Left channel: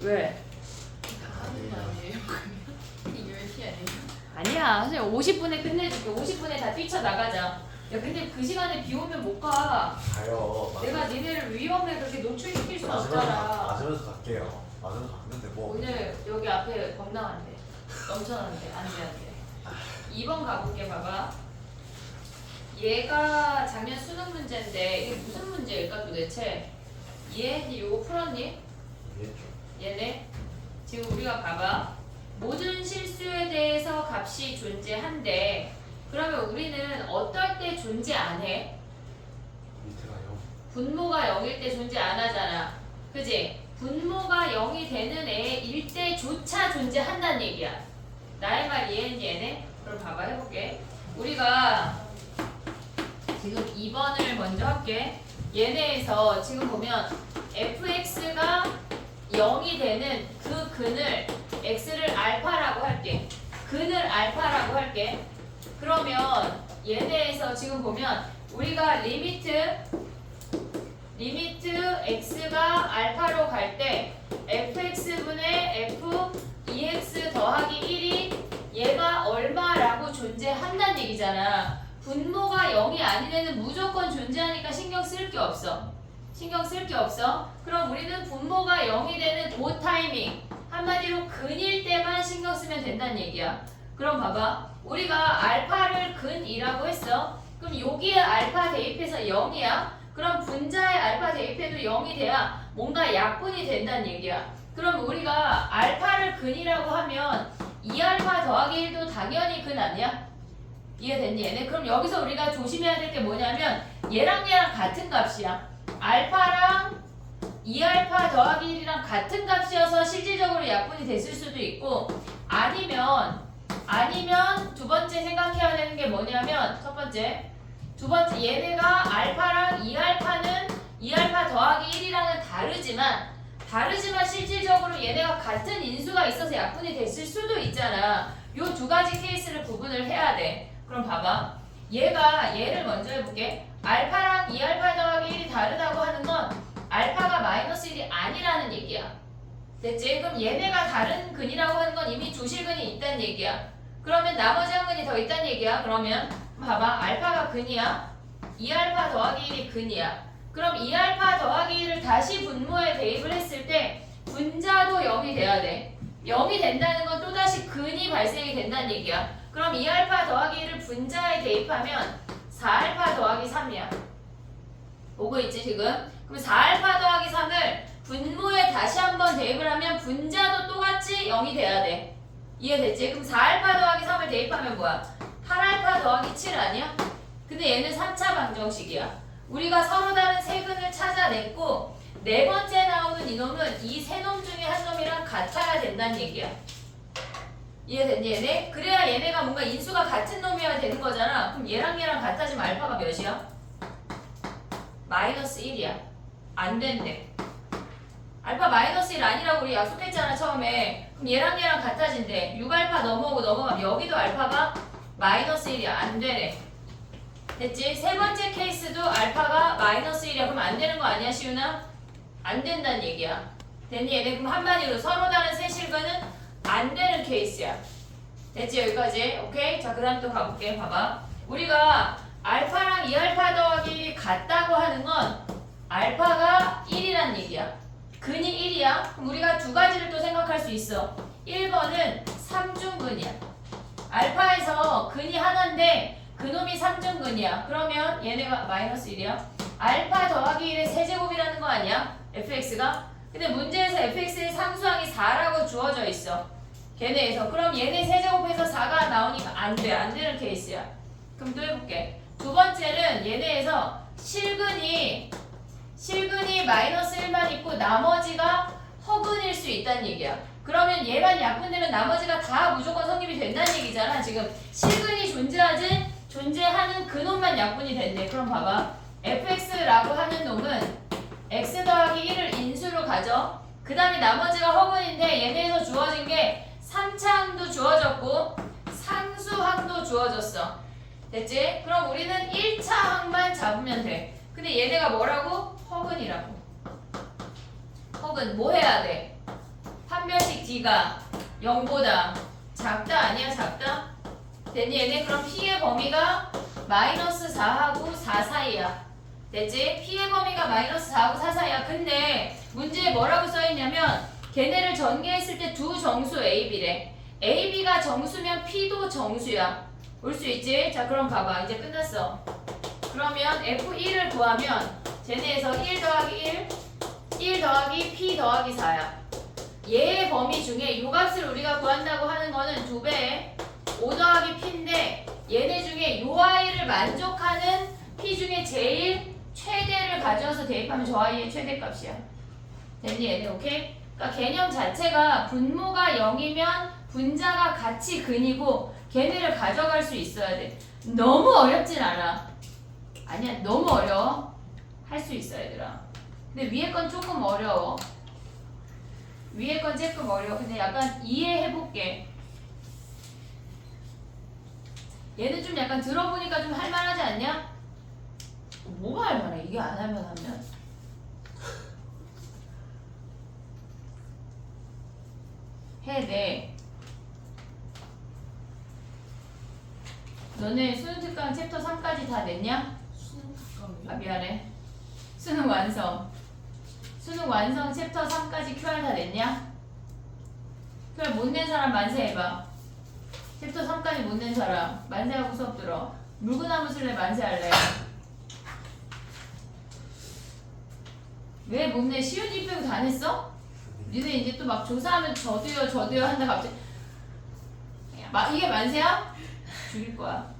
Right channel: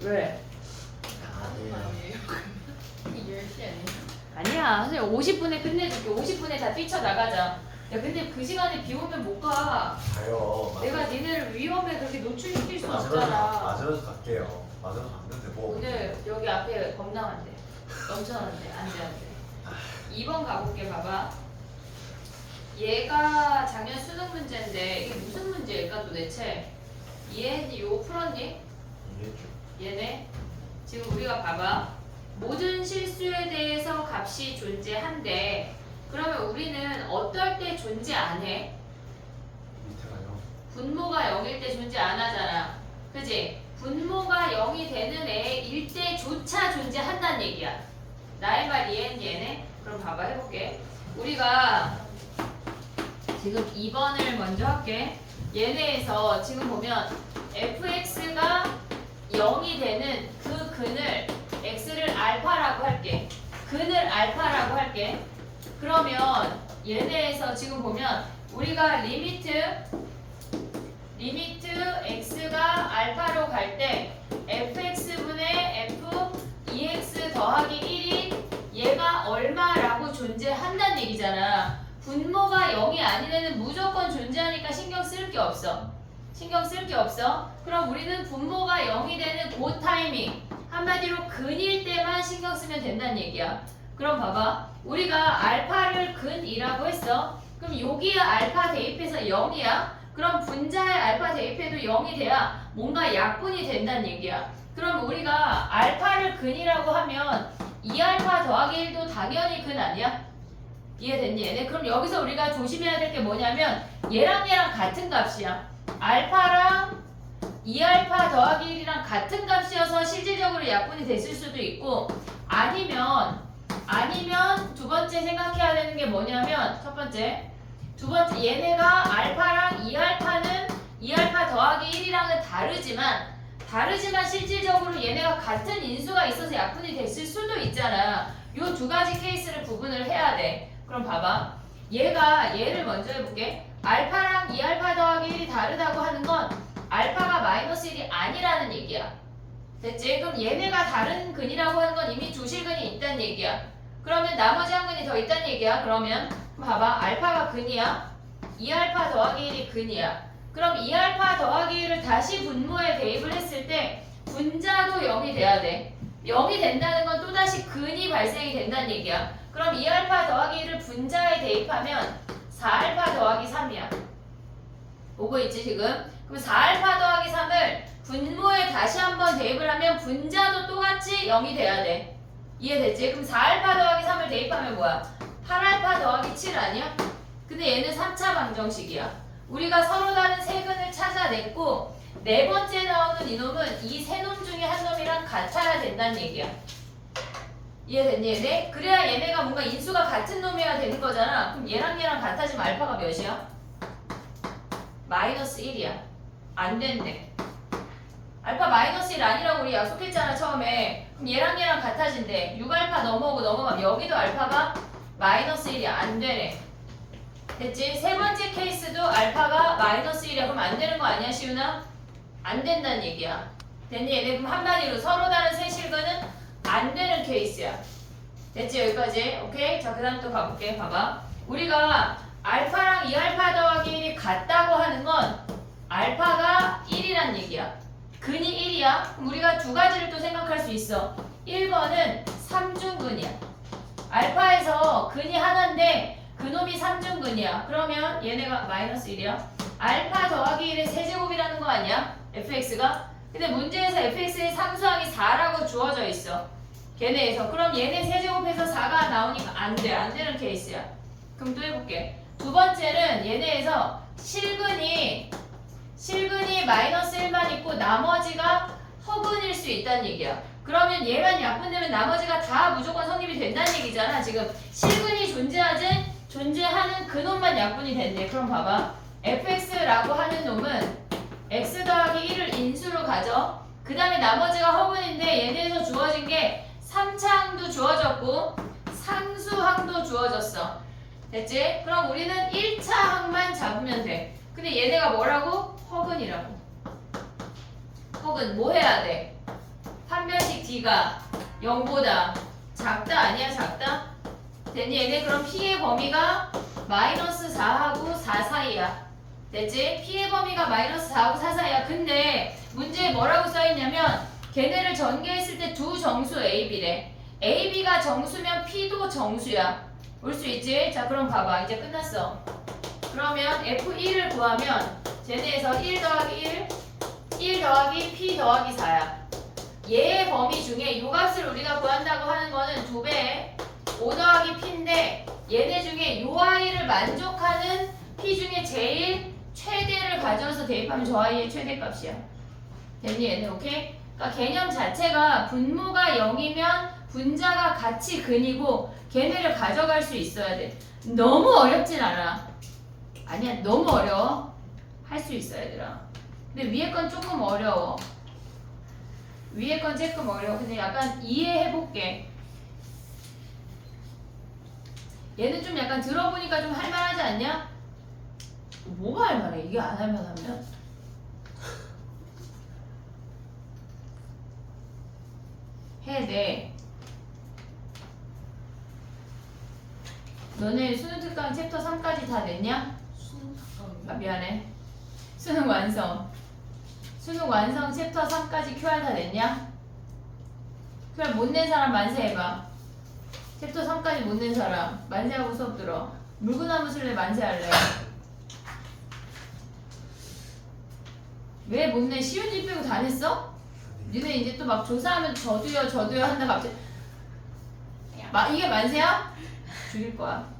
왜? 하는 거 아니에요? 이게 10시 아니에요? 아니야. 선생님 50분에 끝내줄게. 50분에 다 뛰쳐나가자. 야 근데 그 시간에 비 오면 못 가. 가요. 내가 니네를 위험에 그렇게 노출시킬 수 없잖아. 맞으면서 갈게요. 맞으면서 가면 되고. 오늘 여기 앞에 건강한데 넘쳐나는데 안돼 2번 가볼게. 봐봐. 얘가 작년 수능 문제인데 이게 무슨 문제일까 도대체? 얘 요거 풀었니? 이해했죠. 얘네 지금 우리가 봐봐. 모든 실수에 대해서 값이 존재한대. 그러면 우리는 어떨 때 존재 안 해? 밑에 가요. 분모가 0일 때 존재 안 하잖아. 그지? 분모가 0이 되는 애일 때조차 존재한다는 얘기야. 나의 말 이해했니 얘네? 그럼 봐봐 해볼게. 우리가 지금 2번을 먼저 할게. 얘네에서 지금 보면 fx가 0이 되는 그 근을 x를 알파라고 할게. 근을 알파라고 할게. 그러면 얘네에서 지금 보면 우리가 리미트 x가 알파로 갈 때 fx분의 f 2x 더하기 1이 얘가 얼마라고 존재한다는 얘기잖아. 분모가 0이 아닌 애는 무조건 존재하니까 신경 쓸 게 없어. 신경 쓸 게 없어. 그럼 우리는 분모가 0이 되는 그 타이밍, 한마디로 근일 때만 신경 쓰면 된다는 얘기야. 그럼 봐봐. 우리가 알파를 근이라고 했어. 그럼 여기에 알파 대입해서 0이야. 그럼 분자의 알파 대입해도 0이 돼야 뭔가 약분이 된다는 얘기야. 그럼 우리가 알파를 근이라고 하면 2알파 더하기 1도 당연히 근 아니야? 이해됐니 얘네? 그럼 여기서 우리가 조심해야 될 게 뭐냐면 얘랑 같은 값이야. 알파랑 2알파 더하기 1이랑 같은 값이어서 실질적으로 약분이 됐을 수도 있고, 아니면 두 번째 생각해야 되는 게 뭐냐면 두 번째 얘네가 알파랑 2알파는 2알파 더하기 1이랑은 다르지만 실질적으로 얘네가 같은 인수가 있어서 약분이 됐을 수도 있잖아. 요 두 가지 케이스를 구분을 해야 돼. 그럼 봐봐. 얘를 먼저 해볼게. 알파랑 2알파 더하기 1이 다르다고 하는 건 알파가 마이너스 1이 아니라는 얘기야. 됐지? 그럼 얘네가 다른 근이라고 하는 건 이미 주실근이 있다는 얘기야. 그러면 나머지 한 근이 더 있다는 얘기야. 그러면 봐봐. 알파가 근이야. 2알파 더하기 1이 근이야. 그럼 2알파 더하기 1을 다시 분모에 대입을 했을 때 분자도 0이 돼야 돼. 0이 된다는 건 또다시 근이 발생이 된다는 얘기야. 그럼 2알파 더하기 1을 분자에 대입하면 4알파 더하기 3이야. 보고 있지 지금? 그럼 4알파 더하기 3을 분모에 다시 한번 대입을 하면 분자도 똑같이 0이 돼야 돼. 이해됐지? 그럼 4알파 더하기 3을 대입하면 뭐야? 8알파 더하기 7 아니야? 근데 얘는 3차 방정식이야. 우리가 서로 다른 세 근을 찾아냈고 네 번째 나오는 이놈은 이 세 놈 중에 한 놈이랑 같아야 된다는 얘기야. 이해됐니 얘네? 그래야 얘네가 뭔가 인수가 같은 놈이어야 되는 거잖아. 그럼 얘랑 같아지면 알파가 몇이야? 마이너스 1이야. 안 된대. 알파 마이너스 1 아니라고 우리 약속했잖아 처음에. 그럼 얘랑 같아진대. 6알파 넘어가면 여기도 알파가 마이너스 1이야. 안 되네. 됐지? 세 번째 케이스도 알파가 마이너스 1이야. 그럼 안 되는 거 아니야 시윤아? 안 된다는 얘기야. 됐니 얘네? 그럼 한마디로 서로 다른 세 실근은 안 되는 케이스야. 됐지 여기까지? 오케이? 자 그 다음 또 가볼게. 봐봐. 우리가 알파랑 2알파 더하기 1이 같다고 하는 건 알파가 1이란 얘기야. 근이 1이야. 그럼 우리가 두 가지를 또 생각할 수 있어. 1번은 3중근이야. 알파에서 근이 하나인데 그놈이 3중근이야. 그러면 얘네가 마이너스 1이야. 알파 더하기 1의 세제곱이라는 거 아니야? fx가? 근데 문제에서 fx의 상수항이 4라고 주어져 있어. 걔네에서. 그럼 얘네 세제곱해서 4가 나오니까 안 돼. 안 되는 케이스야. 그럼 또 해볼게. 두 번째는 얘네에서 실근이 마이너스 1만 있고 나머지가 허근일 수 있다는 얘기야. 그러면 얘만 약분되면 나머지가 다 무조건 성립이 된다는 얘기잖아. 지금 실근이 존재하는 그놈만 약분이 된대. 그럼 봐봐. fx라고 하는 놈은 x 더하기 1을 인수로 가져. 그 다음에 나머지가 허근인데 얘네에서 주어진 게 3차항도 주어졌고 상수항도 주어졌어. 됐지? 그럼 우리는 1차항만 잡으면 돼. 근데 얘네가 뭐라고? 허근이라고. 허근 뭐 해야 돼? D가 0보다 작다 아니야 작다? 됐니 얘네? 그럼 P의 범위가 마이너스 4하고 4 사이야. 됐지? P의 범위가 마이너스 4하고 4 사이야. 근데 문제에 뭐라고 써있냐면 걔네를 전개했을 때 두 정수 AB래. AB가 정수면 P도 정수야. 올 수 있지? 자 그럼 봐봐. 이제 끝났어. 그러면 F1을 구하면 쟤네에서 1 더하기 1 더하기 P 더하기 4야. 얘의 범위 중에 이 값을 우리가 구한다고 하는 거는 2배 5 더하기 P인데 얘네 중에 요 아이를 만족하는 P 중에 제일 최대를 가져와서 대입하면 저 아이의 최대값이야. 됐니 얘네 오케이? 그러니까 개념 자체가 분모가 0이면 분자가 같이 근이고 걔네를 가져갈 수 있어야 돼. 너무 어렵진 않아. 아니야 너무 어려워. 할 수 있어 얘들아. 근데 위에 건 조금 어려워. 위에 건 조금 어려워. 근데 약간 이해해볼게. 얘는 좀 약간 들어보니까 좀 할만하지 않냐? 뭐가 할만해? 이게 안 할만하면? 해야 돼. 너네 수능 특강 챕터 3까지 다 냈냐? 아 미안해. 수능 완성. 수능 완성 챕터 3까지 QR 다 냈냐? QR 못 낸 사람 만세 해봐. 챕터 3까지 못 낸 사람 만세하고 수업 들어. 물구나무 술래 만세할래. 왜 못 내? 쉬운 일 빼고 다 냈어? 니네 이제 또 막 조사하면 저도요 한다 갑자기. 이게 만세야? 죽일 거야.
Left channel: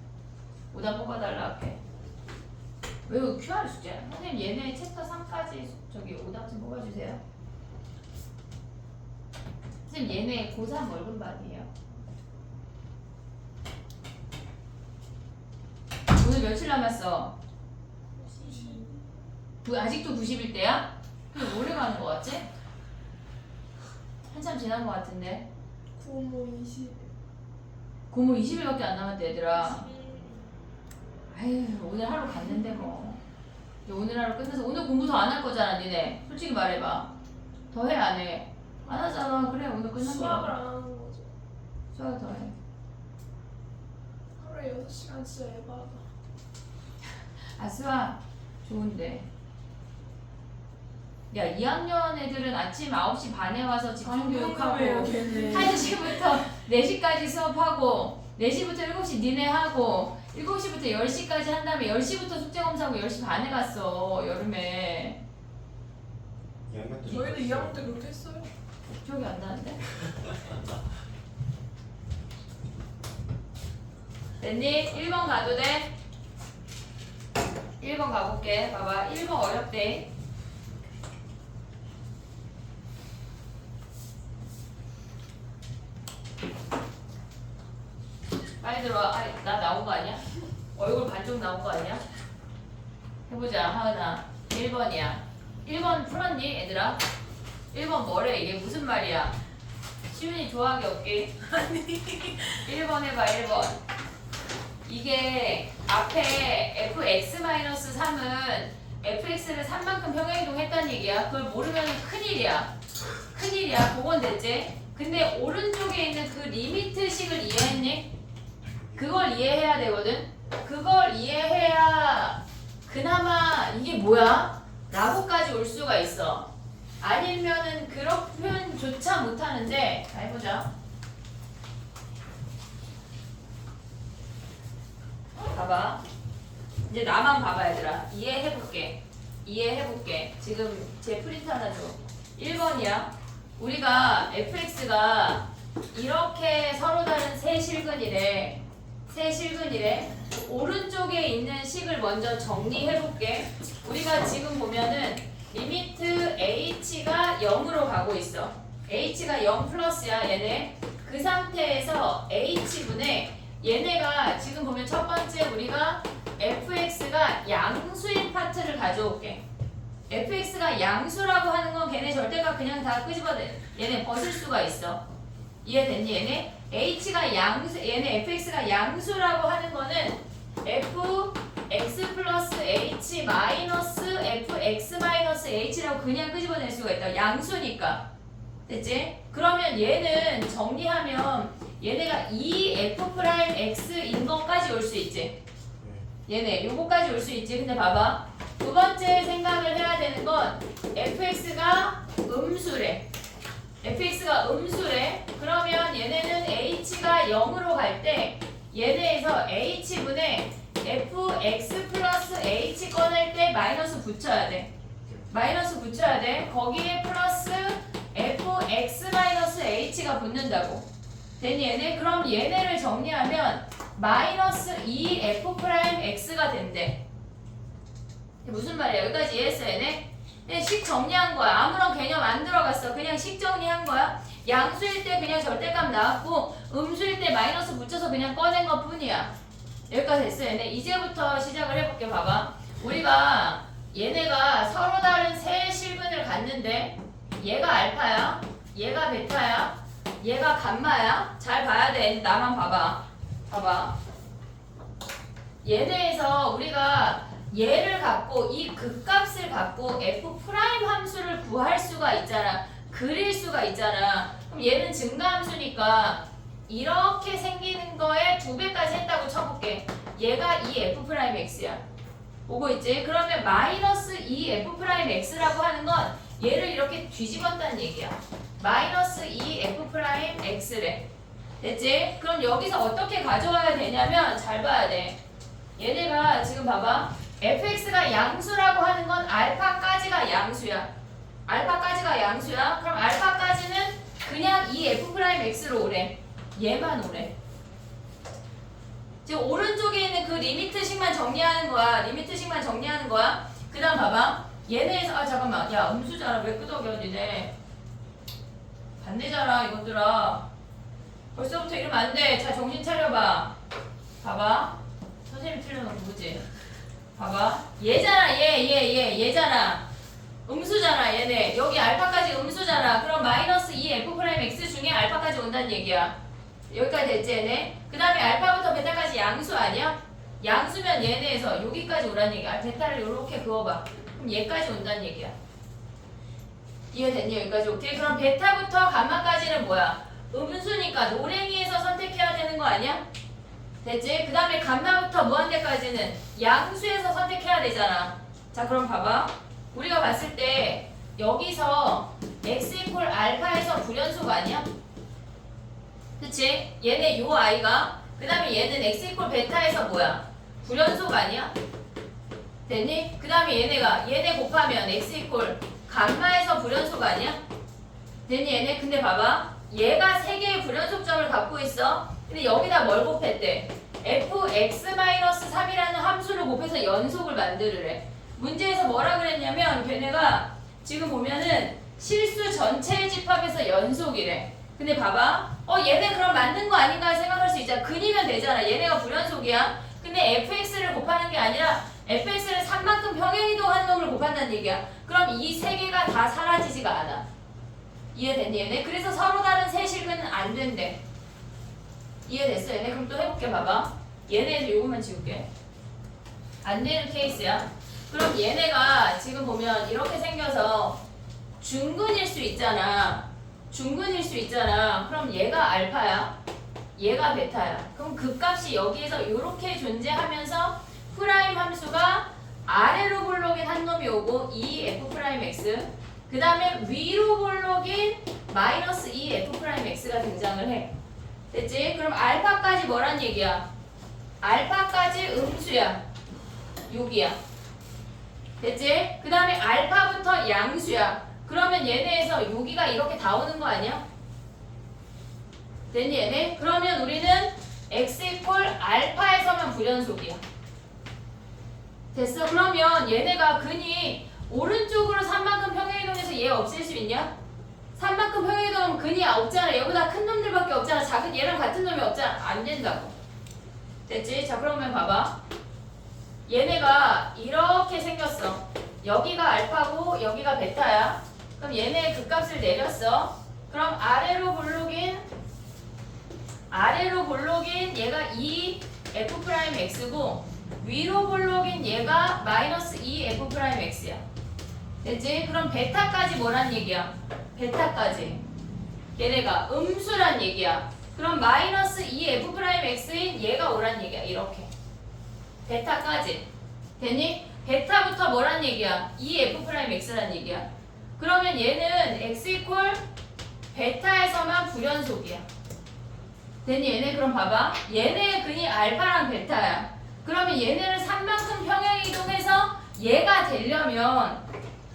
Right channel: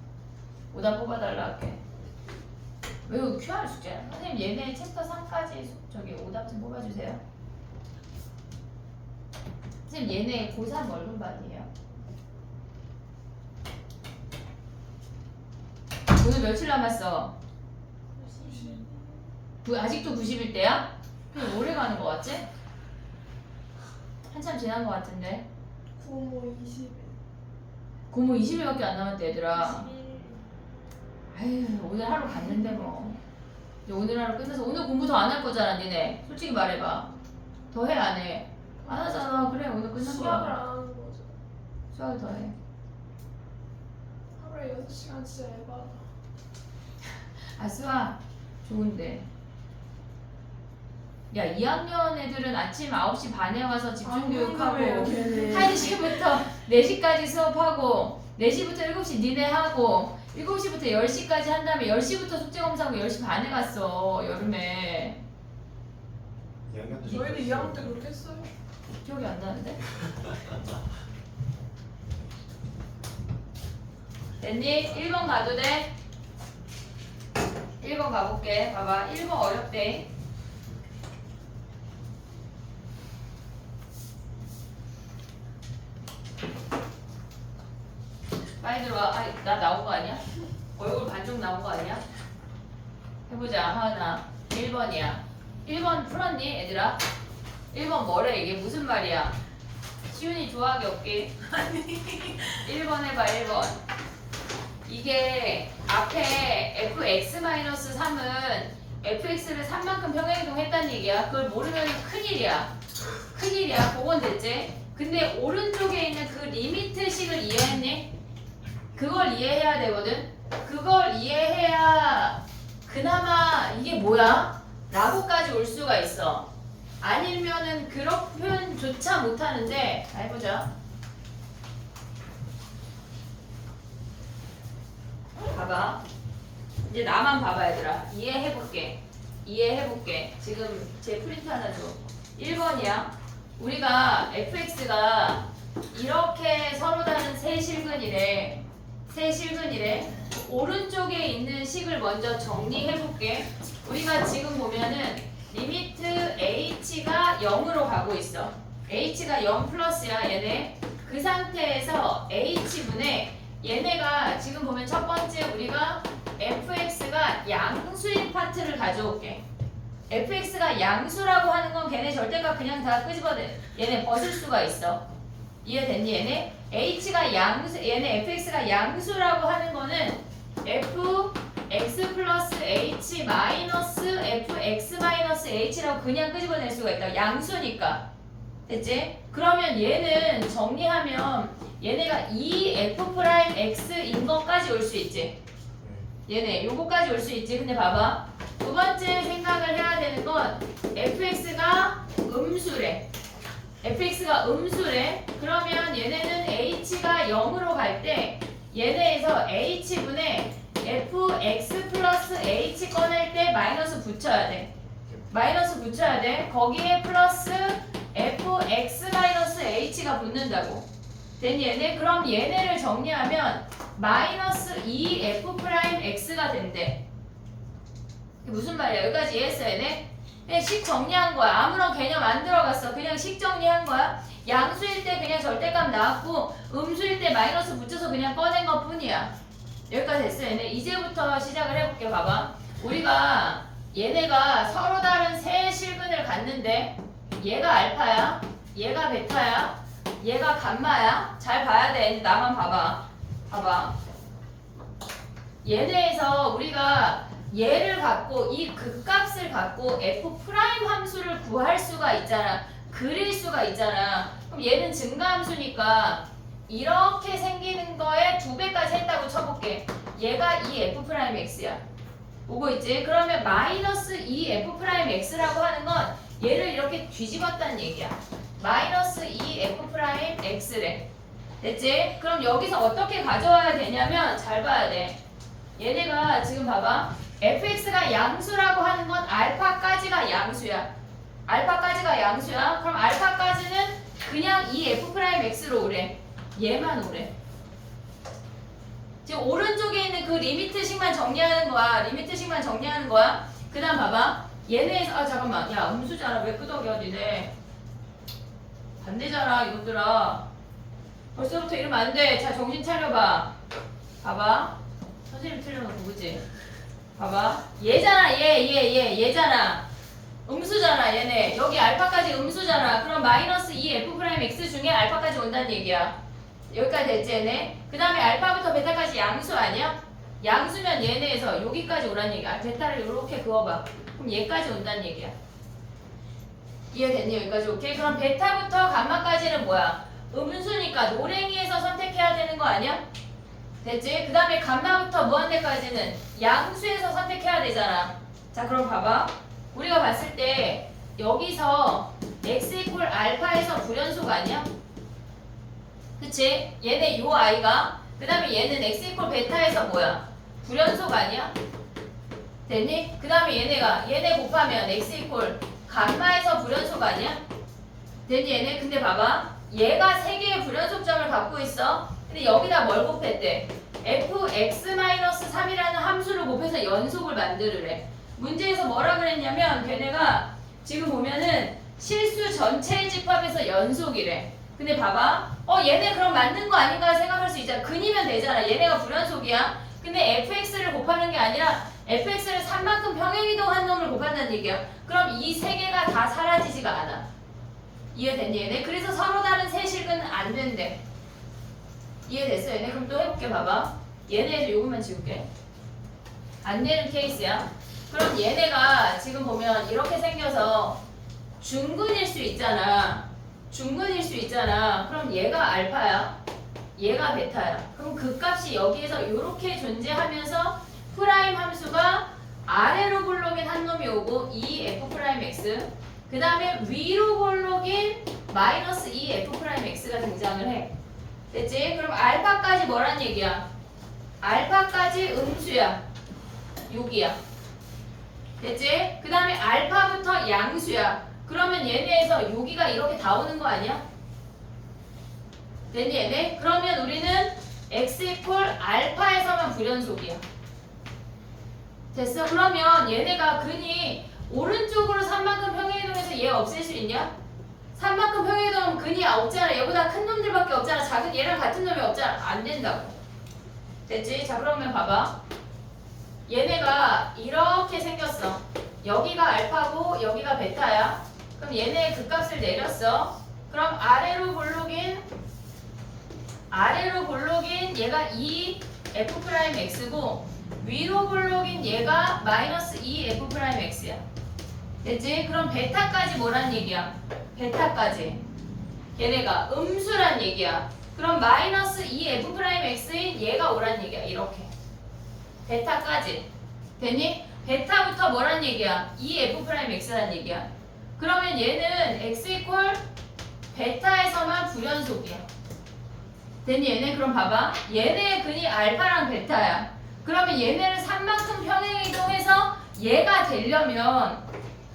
오답 뽑아달라 할게. 왜 QR 숙제? 선생님 얘네 챕터 3까지 저기 오답 좀 뽑아주세요. 선생님 얘네 고3 얼른 반이에요. 오늘 며칠 남았어? 아직도 90일대야? 오래 가는 거 같지? 한참 지난 거 같은데. 고모 20. 고모 20일밖에 안 남았대 얘들아. 21. 아유 오늘 하루 갔는데 뭐. 이제 오늘 하루 끝나서 오늘 공부 더 안 할 거잖아 니네. 솔직히 말해봐. 더 해 안 해? 안 하잖아. 그래 오늘 끝난 수학을 거야. 안 하는 거죠. 수학 더 해. 하루에 6시간 진짜 에바다. 아 수학 좋은데. 야 2학년 애들은 아침 9시 반에 와서 집중교육하고 1시부터 4시까지 수업하고 4시부터 7시 니네 하고 7시부터 10시까지 한 다음에 10시부터 숙제검사하고 10시 반에 갔어 여름에. 2학년 때 저희도 2학년 때 그렇게 했어요. 기억이 안 나는데? 됐니? 1번 가도 돼? 1번 가볼게. 봐봐 1번 어렵대. 빨리 들어와. 아, 나 나온 거 아니야? 얼굴 반쪽 나온 거 아니야? 해보자. 하은아. 1번이야. 1번 풀었니, 얘들아? 1번 뭐래? 이게 무슨 말이야? 시윤이 좋아하기 없기. 1번 해봐, 1번. 이게 앞에 fx-3은 fx를 3만큼 평행이동했다는 얘기야. 그걸 모르면 큰일이야. 큰일이야. 그건 됐지? 근데 오른쪽에 있는 그 리미트식을 이해했니? 그걸 이해해야 되거든. 그걸 이해해야 그나마 이게 뭐야? 라고까지 올 수가 있어. 아니면은 그런 표현조차 못하는데. 해보자. 봐봐. 이제 나만 봐봐 얘들아. 이해해볼게. 지금 제 프린트 하나 줘. 1번이야. 우리가 fx가 이렇게 서로 다른 세 실근이래. 오른쪽에 있는 식을 먼저 정리해볼게. 우리가 지금 보면은 리미트 h가 0으로 가고 있어. h가 0 플러스야 얘네. 그 상태에서 h분의 얘네가 지금 보면 첫 번째 우리가 fx가 양수인 파트를 가져올게. fx가 양수라고 하는 건 걔네 절대값 그냥 다 끄집어내. 얘네 벗을 수가 있어. 이해됐니 얘네? h가 양수, 얘네 fx가 양수라고 하는 거는 fx 플러스 h 마이너스 fx 마이너스 h라고 그냥 끄집어낼 수가 있다. 양수니까. 됐지? 그러면 얘는 정리하면 얘네가 2f'x인 것까지 올 수 있지. 얘네 요거까지 올 수 있지. 근데 봐봐. 두 번째 생각을 해야 되는 건 fx가 음수래. fx가 음수래. 그러면 얘네는 h가 0으로 갈 때 얘네에서 h분에 fx 플러스 h 꺼낼 때 마이너스 붙여야 돼. 마이너스 붙여야 돼. 거기에 플러스 fx 마이너스 h가 붙는다고. 됐니 얘네? 그럼 얘네를 정리하면 마이너스 2f'x가 된대. 무슨 말이야? 여기까지 이해했어 얘네? 그냥 식 정리한 거야. 아무런 개념 안 들어갔어. 그냥 식 정리한 거야. 양수일 때 그냥 절대값 나왔고 음수일 때 마이너스 붙여서 그냥 꺼낸 것 뿐이야. 여기까지 됐어 얘네. 이제부터 시작을 해볼게. 봐봐. 우리가 얘네가 서로 다른 세 실근을 갖는데 얘가 알파야, 얘가 베타야, 얘가 감마야. 잘 봐야 돼. 나만 봐봐. 봐봐. 얘네에서 우리가 얘를 갖고 이 극값을 갖고 f 프라임 함수를 구할 수가 있잖아. 그릴 수가 있잖아. 그럼 얘는 증가함수니까 이렇게 생기는 거에 2배까지 했다고 쳐볼게. 얘가 이 f 프라임 x야. 보고 있지? 그러면 마이너스 2f 프라임 x라고 하는 건 얘를 이렇게 뒤집었다는 얘기야. 마이너스 2f 프라임 x래. 됐지? 그럼 여기서 어떻게 가져와야 되냐면 잘 봐야 돼. 얘네가 지금 봐봐. fx가 양수라고 하는 건 알파까지가 양수야. 알파까지가 양수야. 그럼 알파까지는 그냥 이 f 프라임 x로 오래. 얘만 오래. 지금 오른쪽에 있는 그 리미트식만 정리하는 거야. 리미트식만 정리하는 거야. 그 다음 봐봐. 얘네에서 아 잠깐만. 야 음수잖아. 왜 끄덕여 니네. 반대잖아 이것들아. 벌써부터 이러면 안 돼. 자 정신 차려봐. 봐봐. 선생님 틀려놓고 그지? 봐봐. 얘잖아 얘잖아. 음수잖아 얘네. 여기 알파까지 음수잖아. 그럼 마이너스 2f'x 중에 알파까지 온다는 얘기야. 여기까지 됐지 얘네? 그 다음에 알파부터 베타까지 양수 아니야? 양수면 얘네에서 여기까지 오라는 얘기야. 베타를 이렇게 그어봐. 그럼 얘까지 온다는 얘기야. 이해됐니? 여기까지 오케이? 그럼 베타부터 감마까지는 뭐야? 음수니까 노랭이에서 선택해야 되는 거 아니야? 됐지? 그 다음에 감마부터 무한대까지는 양수에서 선택해야 되잖아. 자 그럼 봐봐. 우리가 봤을 때 여기서 x 이퀄 알파에서 불연속 아니야? 그치? 얘네 요 아이가 그 다음에 얘는 x 이퀄 베타에서 뭐야? 불연속 아니야? 됐니? 그 다음에 얘네 곱하면 x 이퀄 감마에서 불연속 아니야? 됐니 얘네? 근데 봐봐. 얘가 3개의 불연속점을 갖고 있어. 근데 여기다 뭘 곱했대? fx-3이라는 함수를 곱해서 연속을 만들으래. 문제에서 뭐라 그랬냐면 걔네가 지금 보면은 실수 전체 집합에서 연속이래. 근데 봐봐. 얘네 그럼 맞는 거 아닌가 생각할 수 있잖아. 근이면 되잖아. 얘네가 불연속이야. 근데 fx를 곱하는 게 아니라 fx를 3만큼 평행이동한 놈을 곱한다는 얘기야. 그럼 이 3개가 다 사라지지가 않아. 이해됐니 얘네? 그래서 서로 다른 세 실근은 안 된대. 이해됐어 얘네? 그럼 또 해볼게. 봐봐. 얘네에서 요것만 지울게. 안 되는 케이스야. 그럼 얘네가 지금 보면 이렇게 생겨서 중근일 수 있잖아. 중근일 수 있잖아. 그럼 얘가 알파야. 얘가 베타야. 그럼 그 값이 여기에서 이렇게 존재하면서 프라임 함수가 아래로 볼록인 한 놈이 오고 2f'x 그 다음에 위로 볼록인 마이너스 2f'x가 등장을 해. 됐지? 그럼 알파까지 뭐란 얘기야? 알파까지 음수야. 여기야. 됐지? 그 다음에 알파부터 양수야. 그러면 얘네에서 여기가 이렇게 다 오는 거 아니야? 됐니 얘네? 그러면 우리는 x 이퀄 알파에서만 불연속이야. 됐어? 그러면 얘네가 근이 오른쪽으로 3만큼 평행이동해서 얘 없앨 수 있냐? 3만큼 평행이동하면 근이 없잖아. 얘보다 큰 놈들밖에 없잖아. 작은 얘랑 같은 놈이 없잖아. 안 된다고. 됐지? 자 그러면 봐봐. 얘네가 이렇게 생겼어. 여기가 알파고 여기가 베타야. 그럼 얘네의 극값을 내렸어. 그럼 아래로 볼록인 얘가 2f'x고 위로 볼록인 얘가 마이너스 2f'x야. 됐지? 그럼 베타까지 뭐란 얘기야? 베타까지. 얘네가 음수란 얘기야. 그럼 마이너스 2f'x인 얘가 오란 얘기야. 이렇게 베타까지 됐니? 베타부터 뭐란 얘기야? 2f'x란 얘기야. 그러면 얘는 x 이퀄 베타에서만 불연속이야. 됐니? 얘네 그럼 봐봐. 얘네의 근이 알파랑 베타야. 그러면 얘네를 3만큼 평행이동해서 얘가 되려면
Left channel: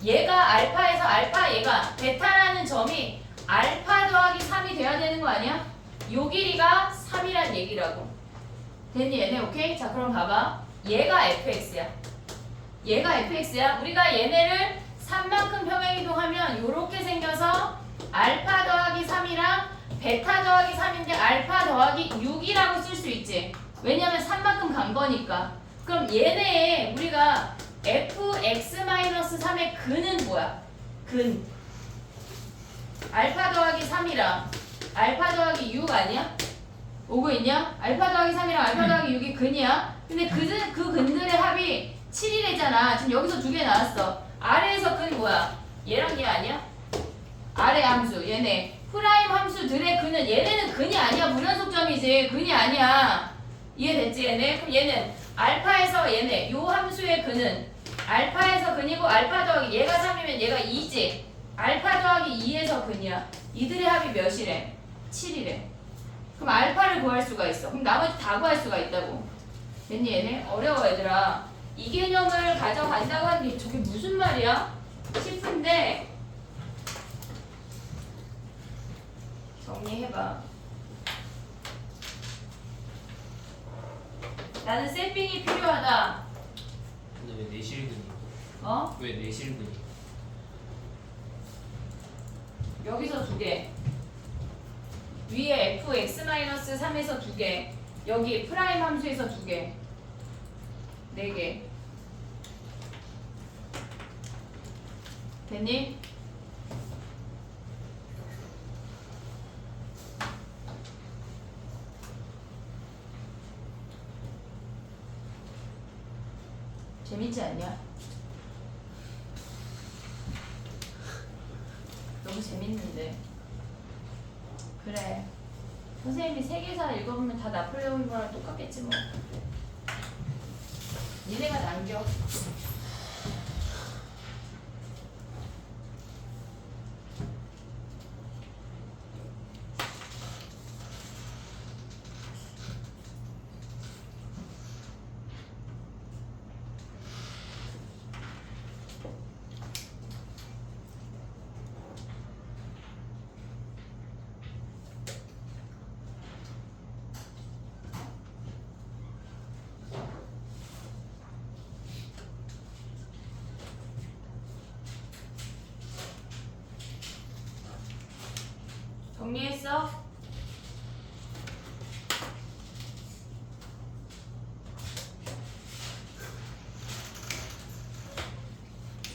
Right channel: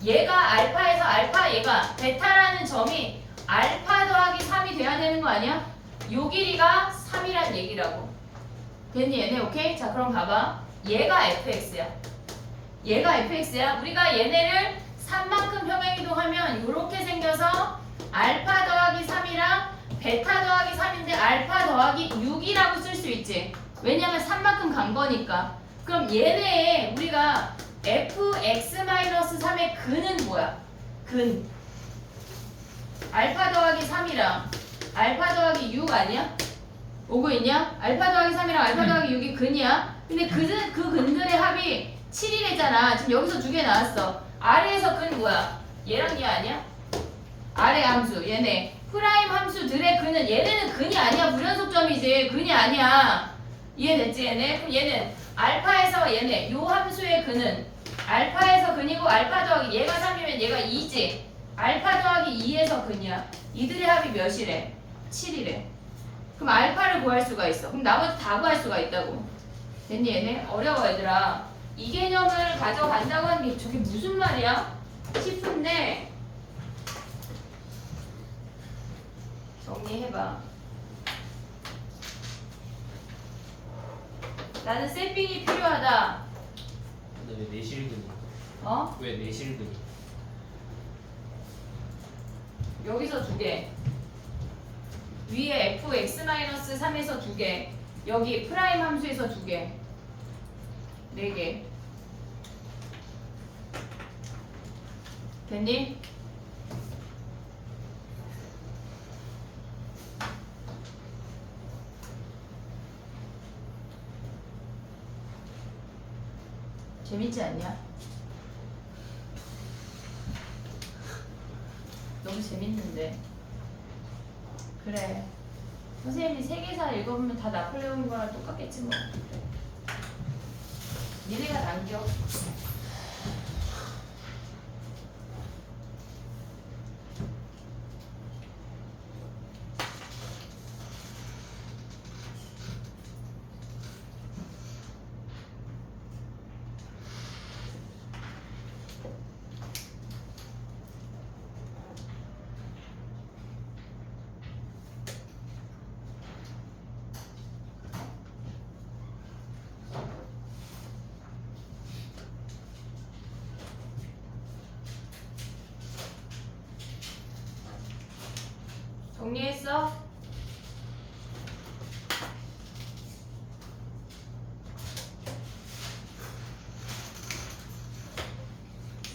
얘가 알파에서 알파 얘가 베타라는 점이 알파 더하기 3이 돼야 되는 거 아니야? 요 길이가 3이란 얘기라고. 됐니? 얘네 오케이? 자 그럼 봐봐. 얘가 fx야. 얘가 fx야. 우리가 얘네를 3만큼 평행이동하면 이렇게 생겨서 알파 더하기 3이랑 베타 더하기 3인데 알파 더하기 6이라고 쓸 수 있지. 왜냐면 3만큼 간 거니까. 그럼 얘네의 우리가 fx-3의 근은 뭐야? 근. 알파 더하기 3이랑 알파 더하기 6 아니야? 오고 있냐? 알파 더하기 3이랑 알파 더하기 6이 근이야. 근데 그 근들의 합이 7이래잖아. 지금 여기서 두 개 나왔어. 아래에서 근 뭐야? 얘랑 얘 아니야? 아래 함수 얘네 프라임 함수들의 근은 얘네는 근이 아니야. 불연속점이지. 근이 아니야. 이해됐지 얘네? 그럼 얘는 알파에서 얘네 요 함수의 근은 알파에서 근이고 알파 더하기 얘가 3이면 얘가 2지. 알파 더하기 2에서 근이야. 이들의 합이 몇이래? 7이래. 그럼 알파를 구할 수가 있어. 그럼 나머지 다 구할 수가 있다고. 됐니 얘네? 어려워 얘들아. 이 개념을 가져간다고 하는 게 저게 무슨 말이야? 싶은데 정리해봐. 나는 셀핑이 필요하다. 근데 왜 내실근이? 어? 왜 내실근이? 여기서 두 개. 위에 fx-3에서 두 개. 여기 프라임 함수에서 두 개. 네 개. 됐니? 재밌지 않냐? 너무 재밌는데. 그래. 선생님이 세계사 읽어보면 다 나폴레옹 거랑 똑같겠지 뭐. 니네가 남겨. 정리했어?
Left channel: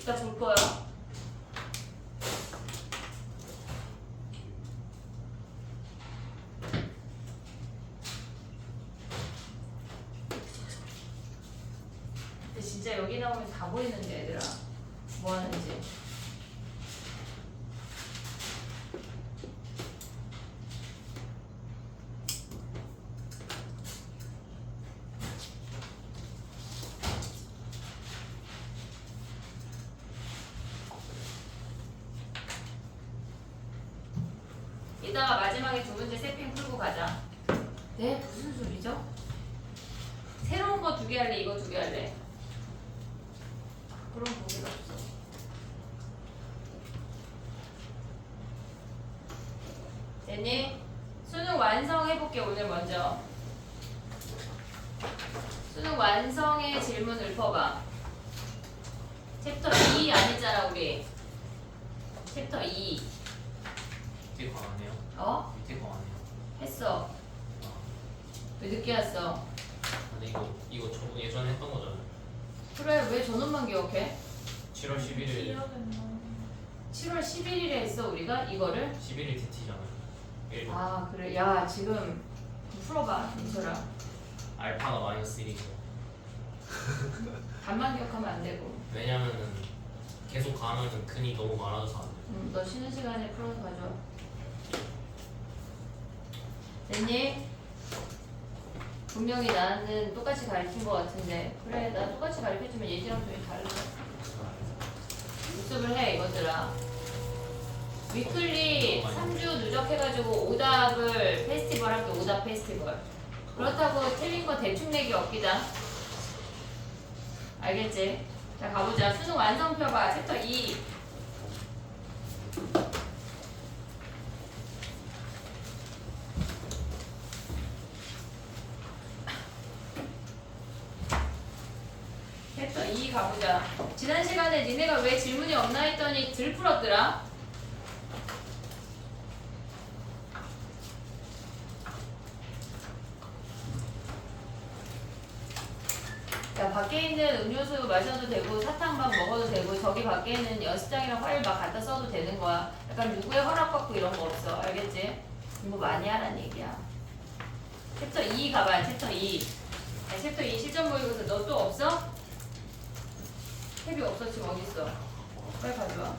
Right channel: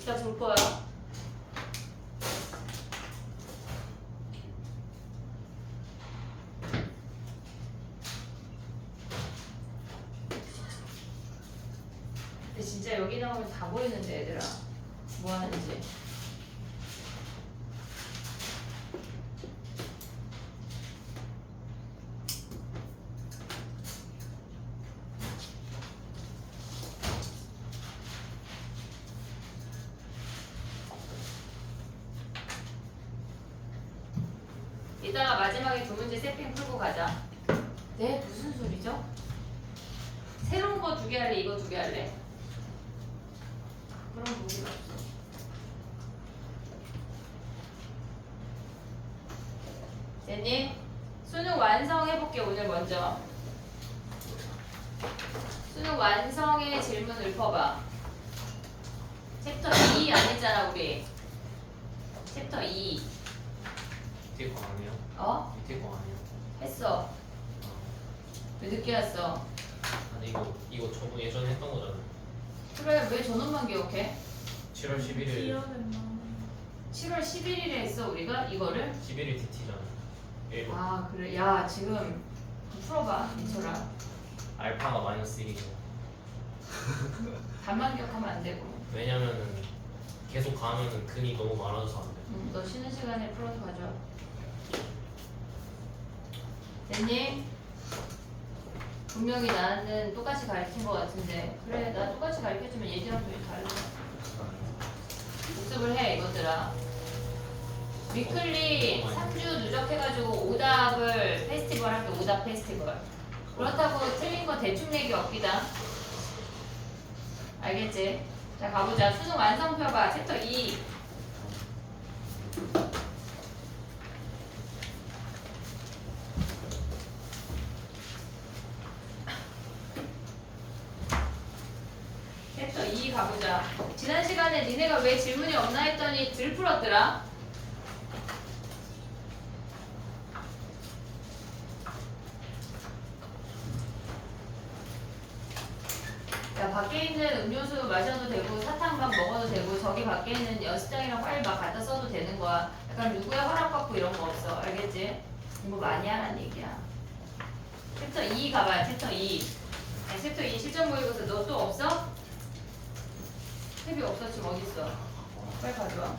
이따 줄 거야. 근데 진짜 여기 나오면 다 보이는데 얘들아. 뭐 하는지. 이따가 마지막에 두 문제 세핑 풀고 가자. 네? 무슨 소리죠? 새로운 거 두 개 할래? 이거 두 개 할래? 그런 문제가 없어. 됐니? 수능 완성해볼게 오늘 먼저. 수능 완성의 질문 읊어봐. 챕터 2 안 했잖아 우리. 챕터 2. 밑에 거 안 해요? 어? 밑에 거 안 해요? 했어. 아, 왜 늦게 왔어? 아니 이거 저번 예전에 했던 거잖아요. 그래 왜 저놈만 기억해? 7월 11일 7월 11일에 했어 우리가 이거를? 11일 DT잖아요. 1번. 아 그래 야 지금 풀어봐 민철아. 알파가 마이너스 1이죠. 답만 기억하면 안 되고. 왜냐면은 계속 가면은 근이 너무 많아져서 안 돼요. 너 쉬는 시간에 풀어서 가져. 됐니? 분명히 나는 똑같이 가르친 것 같은데 그래 나 똑같이 가르쳐주면 예지랑 좀 다르다. 복습을 해 이것들아. 위클리 3주 누적해가지고 오답을 페스티벌 할게. 오답 페스티벌. 그렇다고 틀린 거 대충 내기 없기다. 알겠지? 자 가보자. 수능 완성표 봐. 챕터 2. 챕터 2 가보자. 지난 시간에 니네가 왜 질문이 없나 했더니 들 풀었더라. 자, 밖에 있는 음료수 마셔도 되고 사탕밥 먹어도 되고 저기 밖에 있는 연습장이랑 파일 막 갖다 써도 되는 거야. 약간 누구의 허락받고 이런 거 없어. 알겠지? 이거 많이 하라는 얘기야. 챕터 2 가봐요. 챕터 2. 아니, 챕터 2 실전 모의고사 너 또 없어? 탭이 없어. 지금 어디 있어? 빨리 가져와.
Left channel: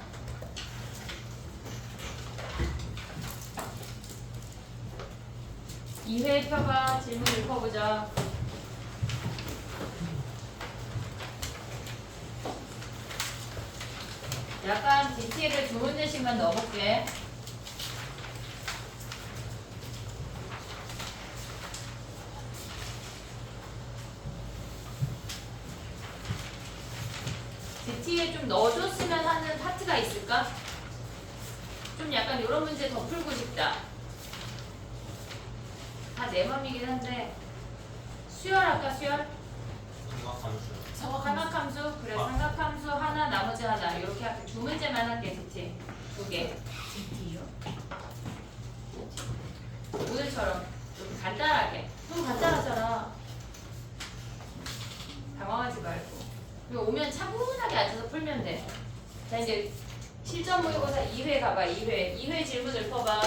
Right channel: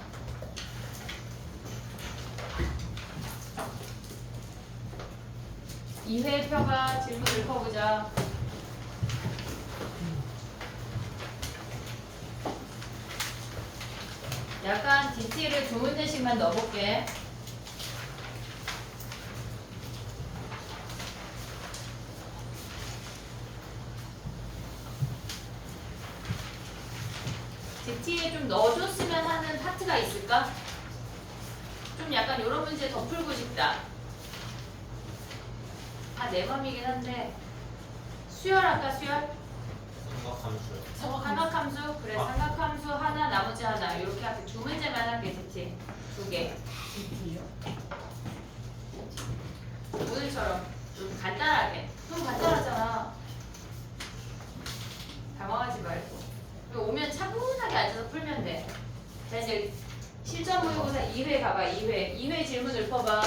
이회 펴봐. 질문 읽어보자. 약간 DT를 두 문제씩만 넣어볼게. DT에 좀 넣어줬으면 하는 파트가 있을까? 좀 약간 이런 문제 더 풀고 싶다. 다 내 맘이긴 한데 수열할까 수열? 삼각함수? 그래 삼각함수 하나 나머지 하나 이렇게 할게. 두 문제만 할게. DT 두 개. DT요? 오늘처럼 좀 간단하게. 좀 간단하잖아. 당황하지 말고. 그리고 오면 차분하게 앉아서 풀면 돼. 자 이제 실전 모의고사 2회 가봐. 2회 질문 읊어봐.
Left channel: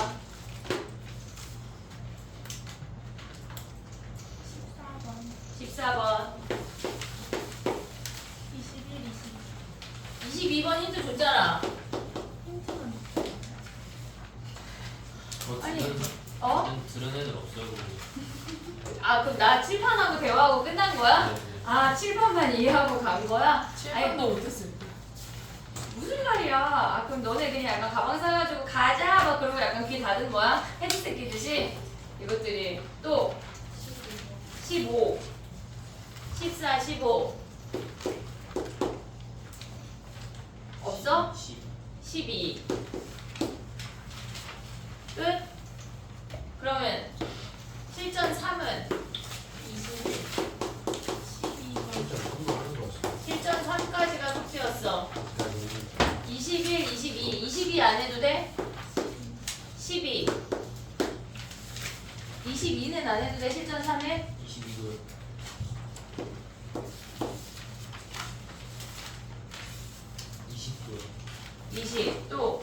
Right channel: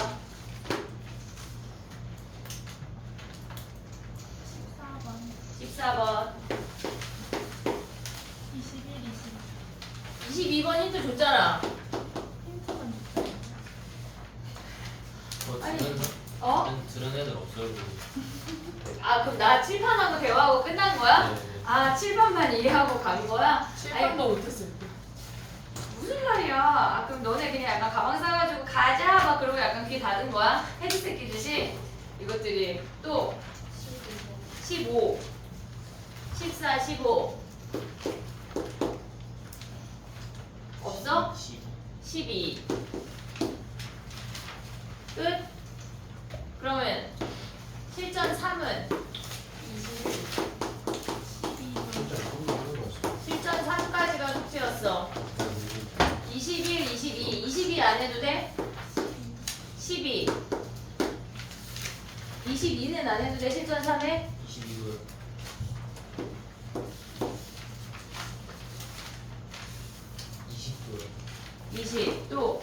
14번 21, 22. 22번 힌트 줬잖아. 힌트는 아니, 들은, 어? 들은 애들 없어요. 아 그럼 나 칠판하고 대화하고 끝난 거야? 네, 네. 아 칠판만 이해하고 간 거야? 아니 7번도 못했을 때. 무슨 말이야? 아, 그럼 너네 그냥 약간 가방 싸가지고 가자 막 그러고 약간 귀 닫은 거야? 헤드셋 끼듯이? 이것들이 또 15 14, 15 없어? 12 끝? 그러면 실전 3은 12번. 진짜 아무도 하는 거 없어. 실전 3까지가 숙제였어. 21, 22 22 안 해도 돼? 12 22는 안 해도 돼? 실전 3에? 22도 20도 20 또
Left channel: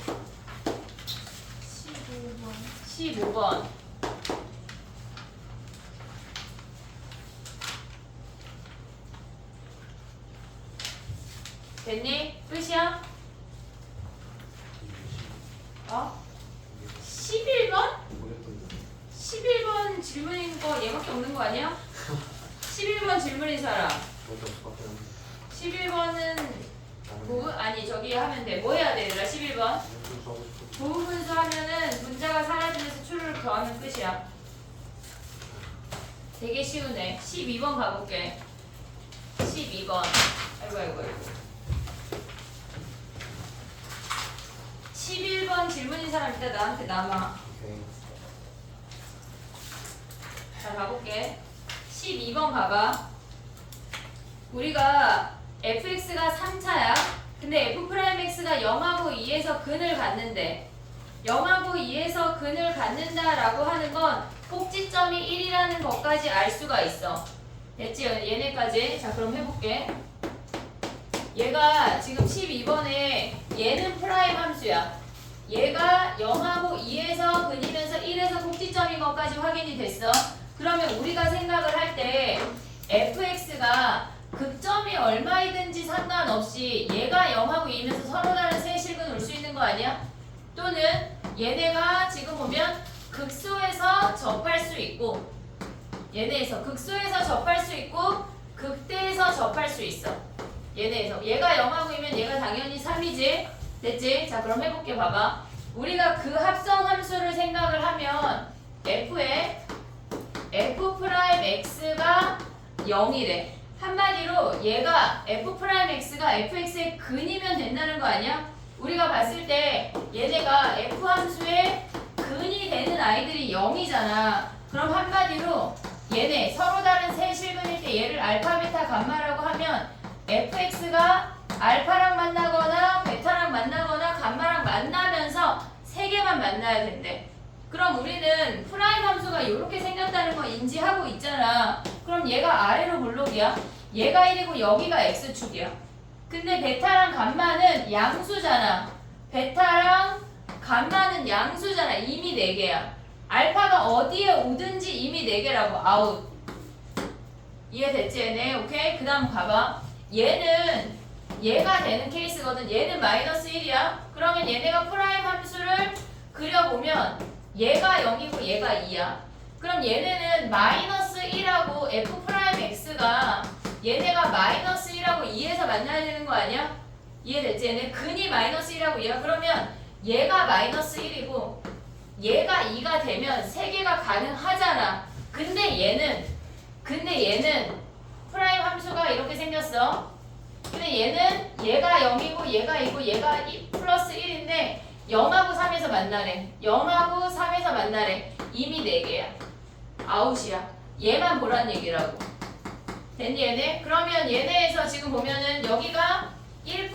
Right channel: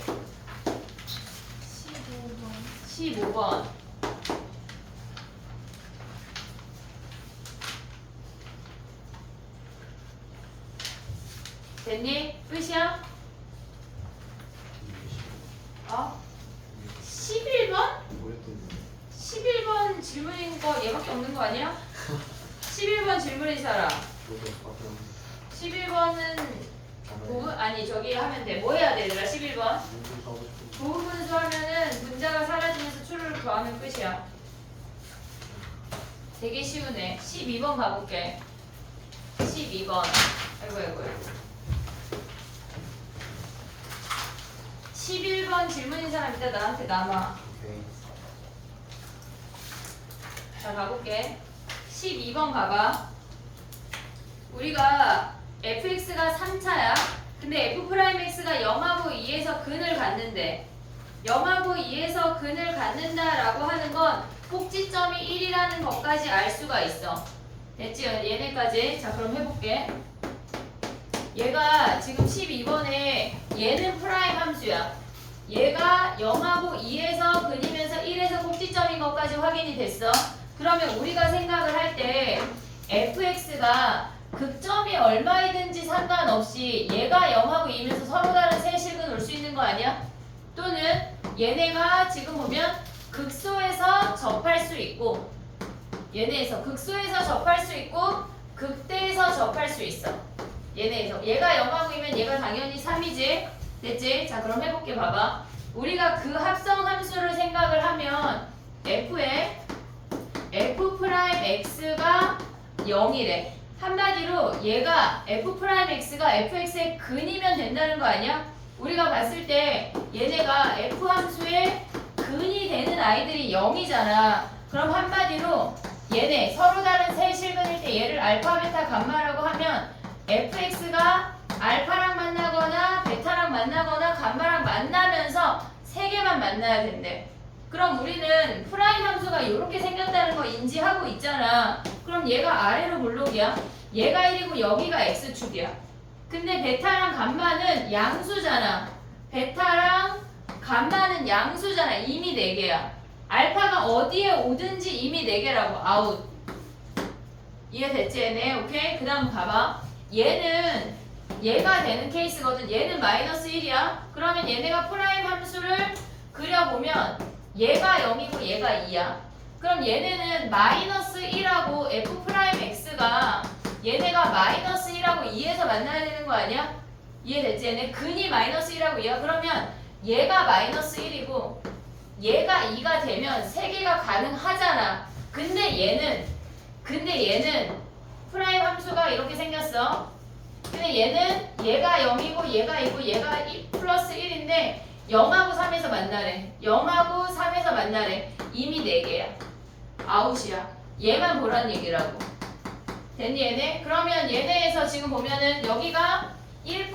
15번. 15번 됐니? 끝이야? 어? 11번? 뭐였던 거? 11번 질문인 거 얘밖에 없는 거 아니야? 11번 질문인 사람 저도 밖에 안 11번은 가면 부분? 아니 저기 하면 돼. 뭐 해야 돼 얘들아 11번? 공부 사고 싶은 부분 분수 하면은 문자가 사라지면서 추를 더하면 끝이야. 되게 쉬우네. 12번 가볼게. 12번. 아이고 아이고 아이고. 11번 질문인 사람 이따 나한테 남아. 오케이. 자 가볼게. 12번 봐봐. 우리가 fx가 3차야. 근데 f'x가 0하고 2에서 근을 갖는데 0하고 2에서 근을 갖는다라고 하는 건 꼭지점이 1이라는 것까지 알 수가 있어. 됐지? 얘네까지. 자 그럼 해볼게. 얘가 지금 12번에 얘는 프라임 함수야. 얘가 0하고 2에서 근이면서 1에서 꼭지점인 것까지 확인이 됐어. 그러면 우리가 생각을 할 때 fx가 극점이 얼마이든지 상관없이 얘가 0하고 2면서 서로 다른 세 실근 올 수 있는 거 아니야? 또는 얘네가 지금 보면 극소에서 접할 수 있고 얘네에서 극소에서 접할 수 있고 극대에서 접할 수 있어. 얘네에서 얘가 0하고이면 얘가 당연히 3이지. 됐지? 자 그럼 해볼게. 봐봐. 우리가 그 합성 함수를 생각을 하면 f에 f'x가 0이래. 한마디로 얘가 f'x가 fx의 근이면 된다는 거 아니야? 우리가 봤을 때 얘네가 f 함수의 근이 되는 아이들이 0이잖아. 그럼 한마디로 얘네 서로 다른 세 실근일 때 얘를 알파, 베타, 감마라고 하면 fx가 알파랑 만나거나 베타랑 만나거나 감마랑 만나면서 세 개만 만나야 된대. 그럼 우리는 프라임 함수가 이렇게 생겼다는 거 인지하고 있잖아. 그럼 얘가 아래로 볼록이야. 얘가 1이고 여기가 x축이야. 근데 베타랑 감마는 양수잖아. 베타랑 감마는 양수잖아. 이미 4개야. 알파가 어디에 오든지 이미 4개라고. 아웃. 이해됐지 얘네? 오케이? 그 다음 봐봐. 얘는 얘가 되는 케이스거든. 얘는 마이너스 1이야. 그러면 얘네가 프라임 함수를 그려보면 얘가 0이고 얘가 2야. 그럼 얘네는 마이너스 1하고 f 프라임 x가 얘네가 마이너스 1하고 2에서 만나야 되는 거 아니야? 이해됐지? 얘네 근이 마이너스 1하고 2야. 그러면 얘가 마이너스 1이고 얘가 2가 되면 3개가 가능하잖아. 근데 얘는 프라임 함수가 이렇게 생겼어. 근데 얘는 얘가 0이고 얘가 2고 얘가 2 플러스 1인데 0하고 3에서 만나래. 0하고 3에서 만나래. 이미 4개야. 아웃이야. 얘만 보란 얘기라고. 됐니 얘네? 그러면 얘네에서 지금 보면은 여기가 1,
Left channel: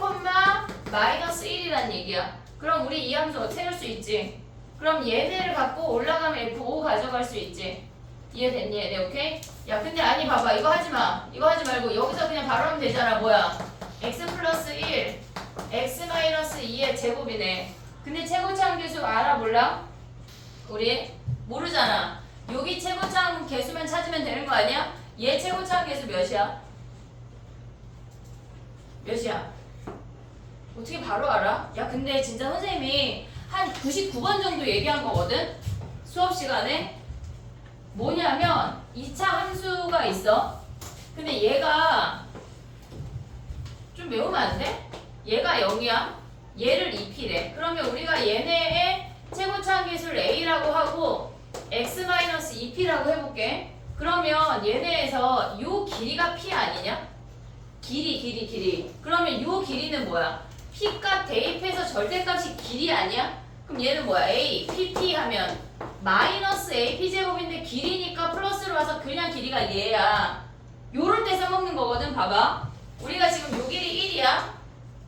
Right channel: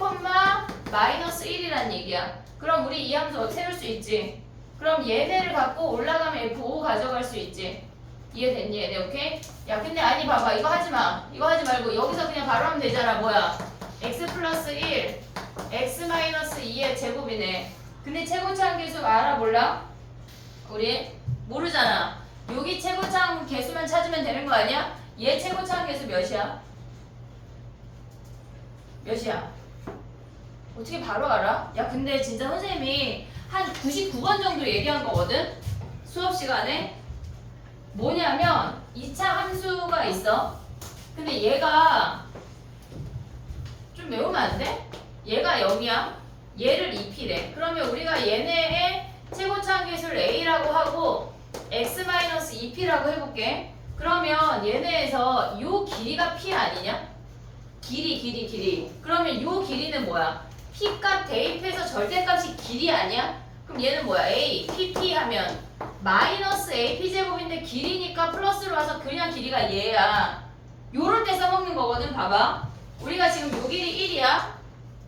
마이너스 1이란 얘기야. 그럼 우리 이 함수 세울 수 있지. 그럼 얘네를 갖고 올라가면 F5 가져갈 수 있지. 이해됐니 얘네? 오케이? 야 근데 아니 봐봐. 이거 하지마. 이거 하지 말고 여기서 그냥 바로 하면 되잖아. 뭐야? x 플러스 1 x 마이너스 2의 제곱이네. 근데 최고차항 계수 알아 몰라? 우리 모르잖아. 여기 최고차항 계수만 찾으면 되는 거 아니야? 얘 최고차항 계수 몇이야? 몇이야? 어떻게 바로 알아? 야 근데 진짜 선생님이 한 99번 정도 얘기한 거거든? 수업 시간에. 뭐냐면 2차 함수가 있어. 근데 얘가 좀 외우면 안 돼? 얘가 0이야. 얘를 2p래. 그러면 우리가 얘네의 최고차항 계수를 a라고 하고 x-2p라고 해볼게. 그러면 얘네에서 요 길이가 p 아니냐? 길이. 그러면 요 길이는 뭐야? p값 대입해서 절대값이 길이 아니야? 그럼 얘는 뭐야? a, pp 하면 마이너스 a p제곱인데 길이니까 플러스로 와서 그냥 길이가 얘야. 요럴 때 써먹는 거거든. 봐봐. 우리가 지금 요 길이 1이야.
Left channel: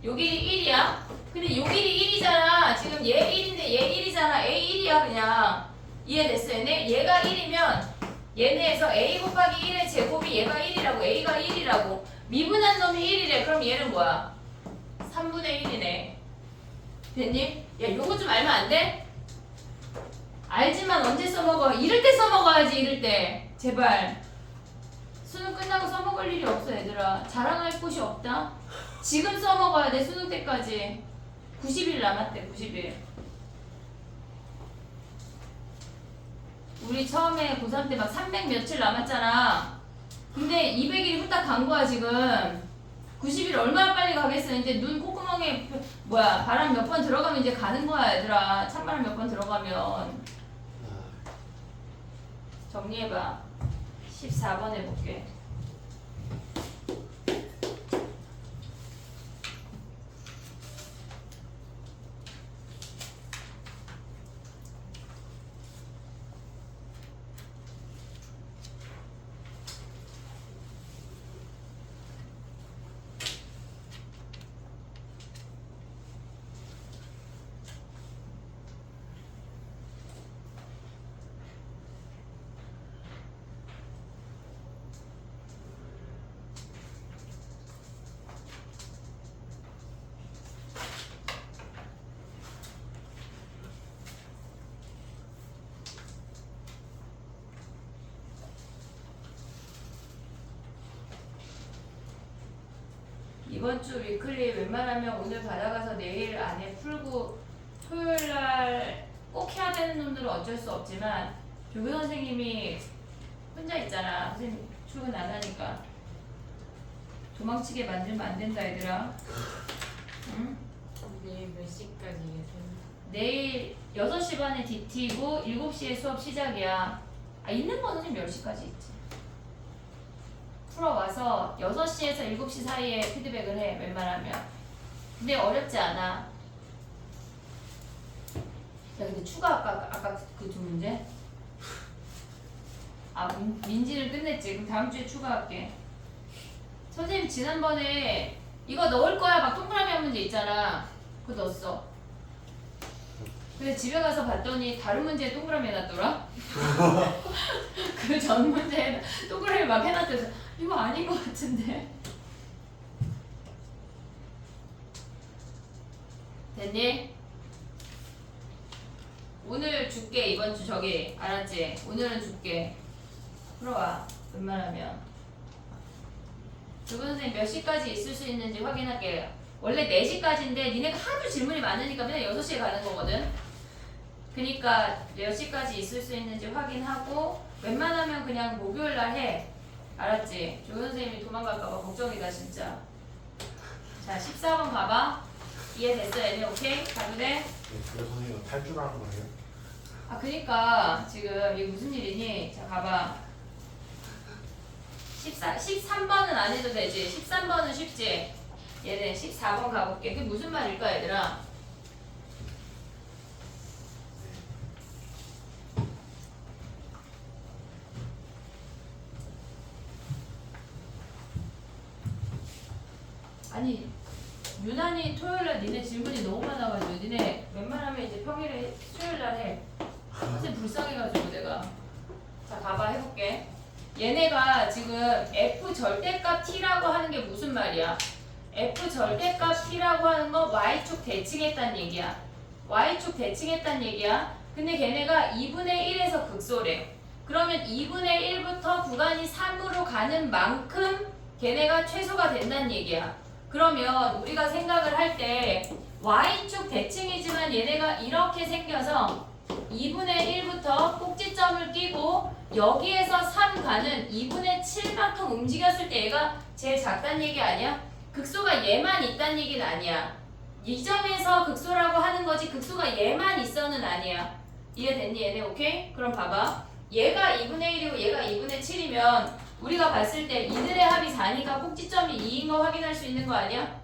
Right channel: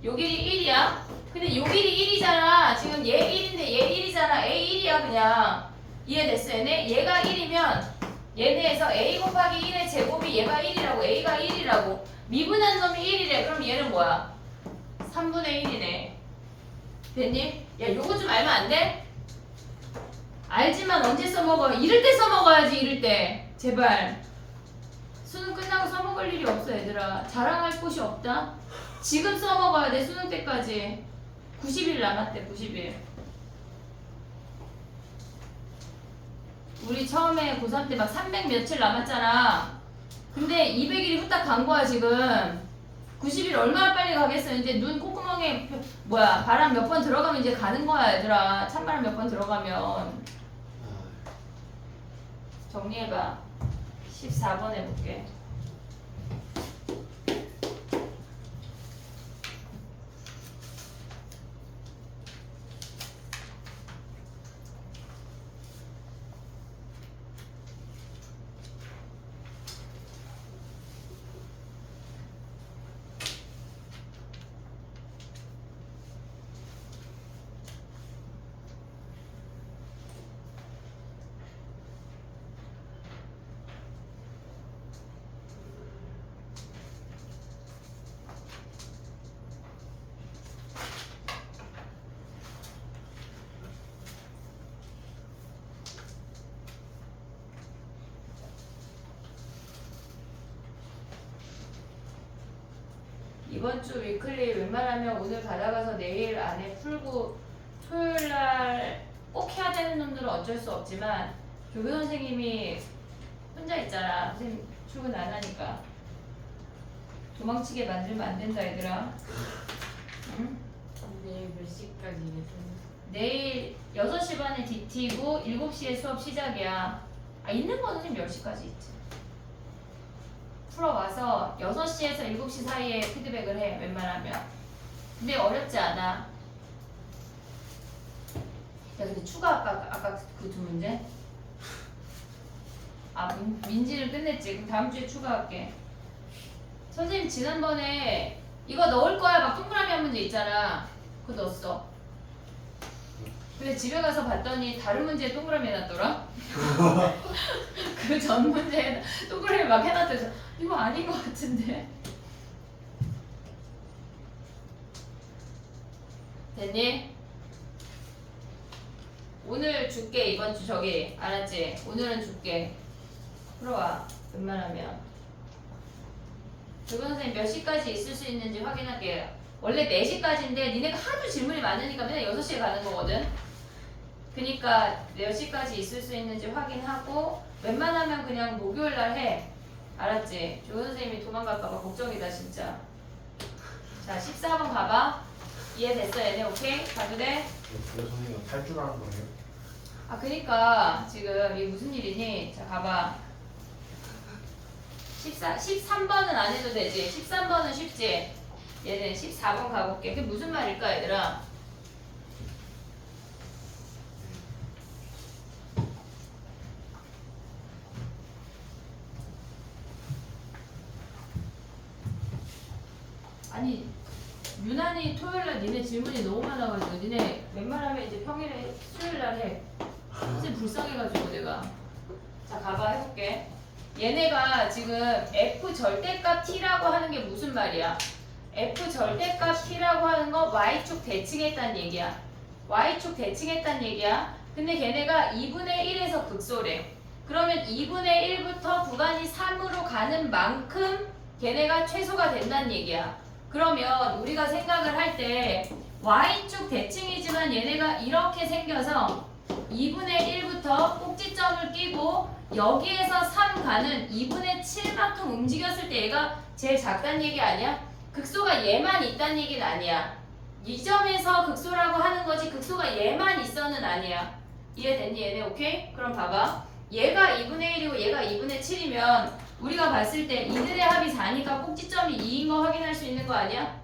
요 길이 1이야. 근데 요 길이 1이잖아. 지금 얘 1인데 얘 1이잖아. a 1이야 그냥. 이해됐어 얘네? 얘가 1이면 얘네에서 a 곱하기 1의 제곱이 얘가 1이라고. a가 1이라고. 미분한 놈이 1이래. 그럼 얘는 뭐야? 3분의 1이네. 됐니? 야 요거 좀 알면 안 돼? 알지만 언제 써먹어? 이럴 때 써먹어야지. 이럴 때. 제발. 수능 끝나고 써먹을 일이 없어 얘들아. 자랑할 곳이 없다. 지금 써먹어야 돼. 수능 때까지 90일 남았대. 90일. 우리 처음에 고3 때 막 300 며칠 남았잖아. 근데 200일이 후딱 간 거야 지금. 90일 얼마나 빨리 가겠어. 이제 눈 콧구멍에 바람 몇 번 들어가면 이제 가는 거야 얘들아. 찬바람 몇 번 들어가면. 정리해봐. 14번 해볼게. 이번 주 위클리 웬만하면 오늘 받아가서 내일 안에 풀고 토요일날 꼭 해야 되는 놈들은 어쩔 수 없지만 조교 선생님이 혼자 있잖아. 선생님 출근 안 하니까. 도망치게 만들면 안 된다 얘들아. 응? 내일 몇 시까지 계세요? 내일 6시 반에 DT고 7시에 수업 시작이야. 아 있는 거는 지금 10시까지 있지. 풀어와서 6시에서 7시 사이에 피드백을 해 웬만하면. 근데 어렵지 않아. 야 근데 추가 아까 그 두 문제? 아 민지는 끝냈지. 그럼 다음 주에 추가할게. 선생님 지난번에 이거 넣을 거야 막 동그라미 한 문제 있잖아. 그거 넣었어. 근데 집에 가서 봤더니 다른 문제에 동그라미 해놨더라. 그 전 문제에 동그라미 막 해놨더래서 이거 아닌 것 같은데. 됐니? 오늘 줄게. 이번 주 저기 알았지? 오늘은 줄게. 풀어와 웬만하면. 조교 선생님 몇 시까지 있을 수 있는지 확인할게요. 원래 4시까지인데 니네가 하도 질문이 많으니까 맨날 6시에 가는 거거든. 그니까 몇 시까지 있을 수 있는지 확인하고 웬만하면 그냥 목요일날 해. 알았지? 조교 선생님이 도망갈까봐 걱정이다 진짜. 자 14번 가봐. 이해됐어 얘네? 오케이? 가도 돼? 조교 선생님은 탈출하는 거예요? 아 그니까 지금 이게 무슨 일이니? 자 가봐. 13번은 안 해도 되지. 13번은 쉽지. 얘는 14번 가볼게. 그게 무슨 말일까 얘들아? 아니 유난히 토요일날 니네 질문이 너무 많아가지고 니네 웬만하면 이제 평일에 수요일날 해. 선생님 불쌍해가지고 내가. 자 가봐 해볼게. 얘네가 지금 f 절대값 t라고 하는 게 무슨 말이야? f 절대값 t라고 하는 거 y축 대칭했단 얘기야. y축 대칭했단 얘기야. 근데 걔네가 2분의 1에서 극소래. 그러면 2분의 1부터 구간이 3으로 가는 만큼 걔네가 최소가 된다는 얘기야. 그러면 우리가 생각을 할 때 y축 대칭이지만 얘네가 이렇게 생겨서 2분의 1부터 꼭지점을 끼고 여기에서 3 가는 2분의 7만큼 움직였을 때 얘가 제일 작다는 얘기 아니야? 극소가 얘만 있다는 얘기는 아니야. 이 점에서 극소라고 하는 거지 극소가 얘만 있어는 아니야. 이해됐니 얘네? 오케이? 그럼 봐봐. 얘가 2분의 1이고 얘가 2분의 7이면 우리가 봤을 때 이들의 합이 4니까 꼭지점이 2인 거 확인할 수 있는 거 아니야?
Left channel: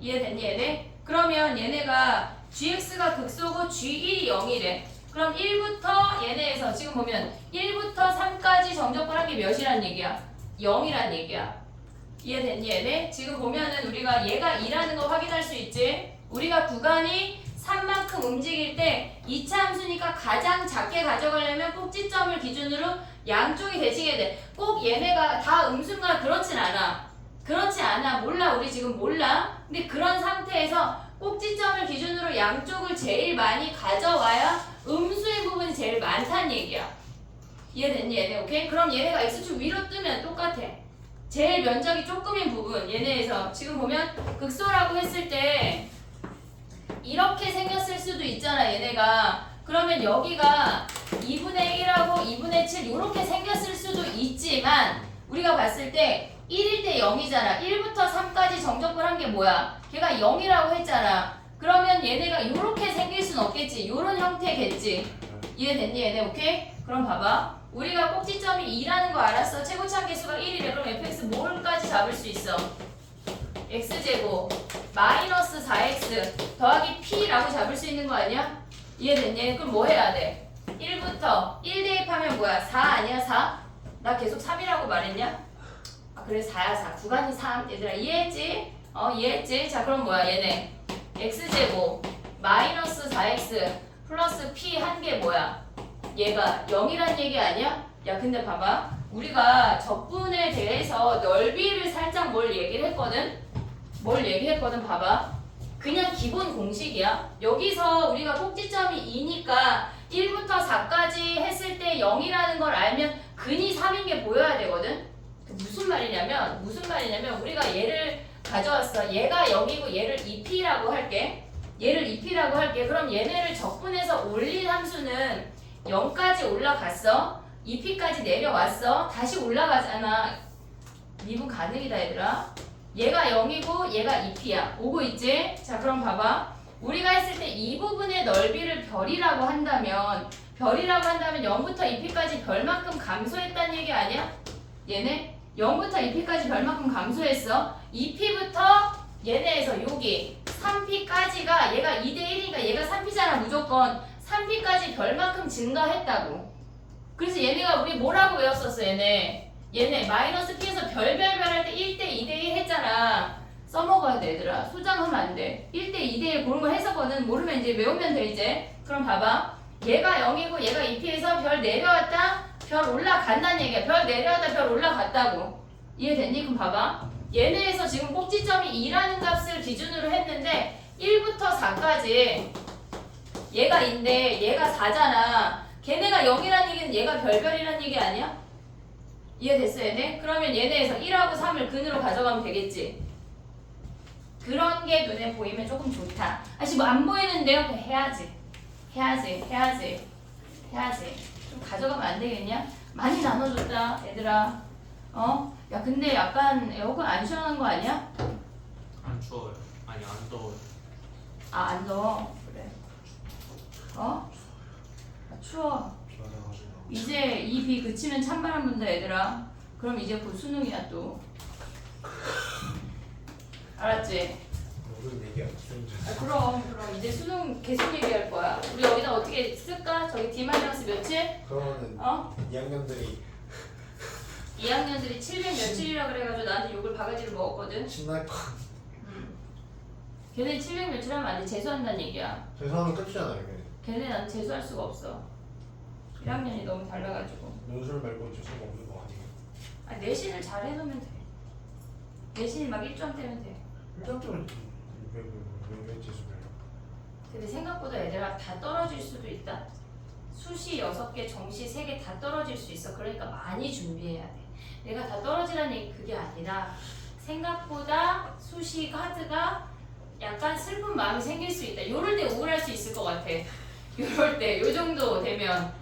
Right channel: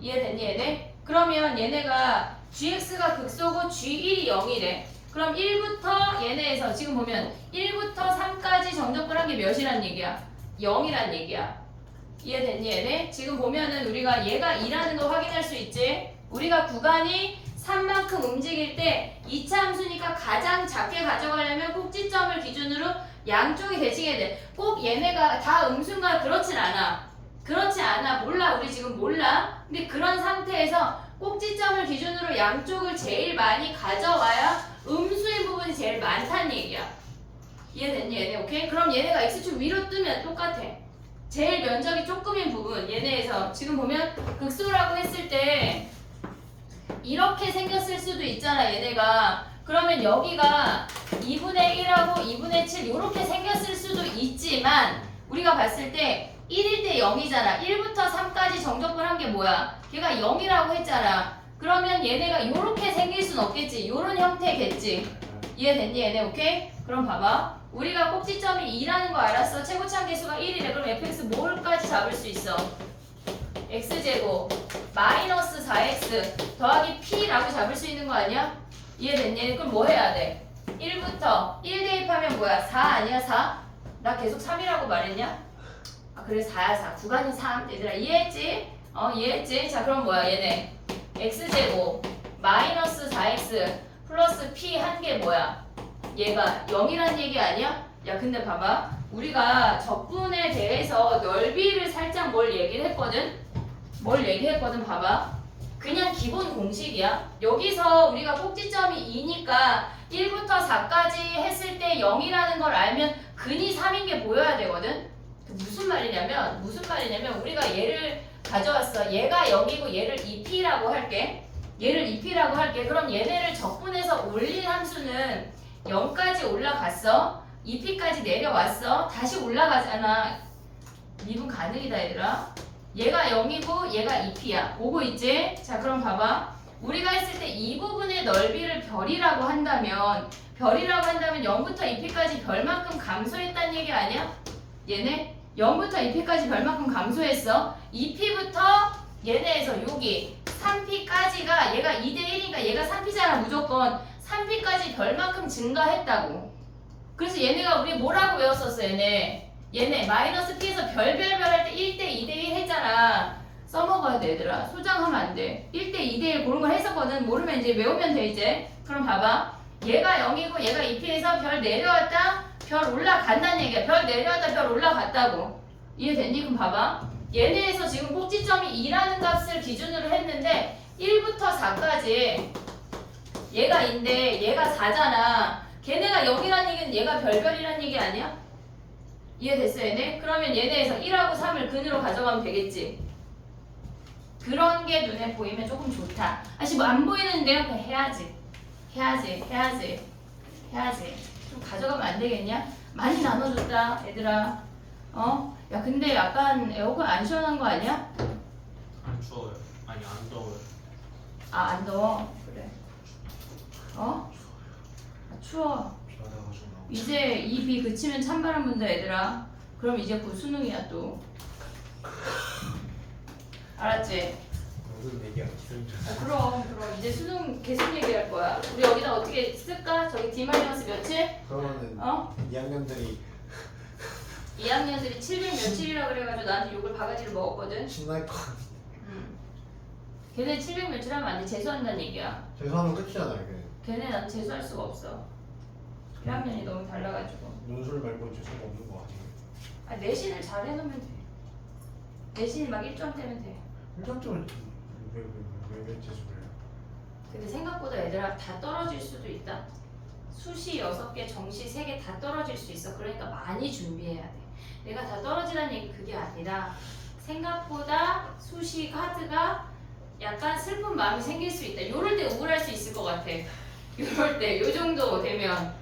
이해됐니 얘네? 그러면 얘네가 gx가 극소고 g1이 0이래. 그럼 1부터 얘네에서 지금 보면 1부터 3까지 정적분한 게 몇이란 얘기야? 0이란 얘기야. 이해됐니 얘네? 지금 보면은 우리가 얘가 2라는 거 확인할 수 있지? 우리가 구간이 3만큼 움직일 때 2차 함수니까 가장 작게 가져가려면 꼭지점을 기준으로 양쪽이 대칭해야 돼. 꼭 얘네가 다 음수인가? 그렇진 않아. 그렇지 않아. 몰라. 우리 지금 몰라. 근데 그런 상태에서 꼭지점을 기준으로 양쪽을 제일 많이 가져와야 음수인 부분이 제일 많다는 얘기야. 이해됐니 얘네? 오케이? 그럼 얘네가 x축 위로 뜨면 똑같아. 제일 면적이 조금인 부분 얘네에서 지금 보면 극소라고 했을 때 이렇게 생겼을 수도 있잖아 얘네가. 그러면 여기가 2분의 1하고 2분의 7 이렇게 생겼을 수도 있지만 우리가 봤을 때 1일 때 0이잖아. 1부터 3까지 정적분한 게 뭐야? 걔가 0이라고 했잖아. 그러면 얘네가 이렇게 생길 순 없겠지. 요런 형태겠지. 이해됐니 얘네? 오케이? 그럼 봐봐. 우리가 꼭지점이 2라는 거 알았어. 최고참 개수가 1이래. 그럼 fx 뭘까지 잡을 수 있어? x제곱 마이너스 4x 더하기 p라고 잡을 수 있는 거 아니야? 이해됐니? 그럼 뭐 해야 돼? 1부터 1 대입하면 뭐야? 4 아니야? 4? 나 계속 3이라고 말했냐? 아 그래 4야 4. 구간이 3. 얘들아 이해했지? 이해했지? 자 그럼 뭐야 얘네 x제곱 마이너스 4x 플러스 p 한 게 뭐야? 얘가 0이란 얘기 아니야? 야 근데 봐봐. 우리가 적분에 대해서 넓이를 살짝 뭘 얘기를 했거든? 뭘 얘기했거든 봐봐. 그냥 기본 공식이야. 여기서 우리가 꼭지점이 2니까 1부터 4까지 했을 때 0이라는 걸 알면 근이 3인 게 보여야 되거든? 무슨 말이냐면 우리가 얘를 가져왔어. 얘가 0이고 얘를 2p라고 할게. 얘를 2p라고 할게. 그럼 얘네를 적분해서 올린 함수는 0까지 올라갔어. 2p까지 내려왔어. 다시 올라가잖아. 미분 가능이다 얘들아. 얘가 0이고 얘가 2p야. 오고 있지? 자 그럼 봐봐. 우리가 했을 때 이 부분의 넓이를 별이라고 한다면 0부터 2p까지 별만큼 감소했다는 얘기 아니야? 얘네 0부터 2p까지 별만큼 감소했어. 2p부터 얘네에서 여기 3p까지가 얘가 2대1이니까 얘가 3p잖아 무조건. 3p까지 별만큼 증가했다고. 그래서 얘네가 우리 뭐라고 외웠었어 얘네 마이너스 p에서 별별별 할 때 1대 2대1 했잖아. 써먹어야 돼 얘들아. 소장하면 안 돼. 1대 2대1 그런 거 해석은 모르면 이제 외우면 돼 이제. 그럼 봐봐. 얘가 0이고 얘가 2p에서 별 내려왔다 별 올라간다는 얘기야. 별 내려왔다 별 올라갔다고. 이해됐니? 그럼 봐봐. 얘네에서 지금 꼭지점이 2라는 값을 기준으로 했는데 1부터 4까지 얘가 2인데 얘가 4잖아. 걔네가 0이란 얘기는 얘가 별별이란 얘기 아니야? 이해됐어 얘네? 그러면 얘네에서 1하고 3을 근으로 가져가면 되겠지. 그런 게 눈에 보이면 조금 좋다. 아직 뭐 안 보이는데요? 그냥 해야지. 좀 가져가면 안 되겠냐? 많이 나눠줬다 얘들아. 어? 야 근데 약간 에어컨 안 시원한 거 아니야? 안 추워요. 아니 안 더워요. 아 안 더워. 그래. 어? 아, 추워. 비와가지고 이제 이 비 그치면 찬바람 분다 얘들아. 그럼 이제 곧 수능이야 또. 알았지? 모든 얘기야. 그럼 이제 수능 계속 얘기할 거야. 우리 여기다 어떻게 쓸까? 저기 D- 며칠? 그러면은 어? 2학년들이 2학년들이 700 며칠이라 그래가지고 나한테 욕을 바가지를 먹었거든. 신날 거. 걔네 700 며칠 하면 안 돼. 재수한다는 얘기야. 재수하면 끝이잖아요. 이게. 걔네 난 재수할 수가 없어. 1학년이 너무 달라가지고. 논술 말고 재수가 없는 거 아니에요? 아 내신을 잘 해놓으면 돼. 내신이 막 1점 되면 돼. 1점 때문에 왜 재수를 해요? 근데 생각보다 애들아 다 떨어질 수도 있다. 수시 6개, 정시 3개 다 떨어질 수 있어. 그러니까 많이 준비해야 돼. 내가 다 떨어지라는 얘기 그게 아니라 생각보다 수시 카드가 약간 슬픈 마음이 생길 수 있다. 요럴 때 우울할 수 있을 것 같아. 요럴 때, 요 정도 되면.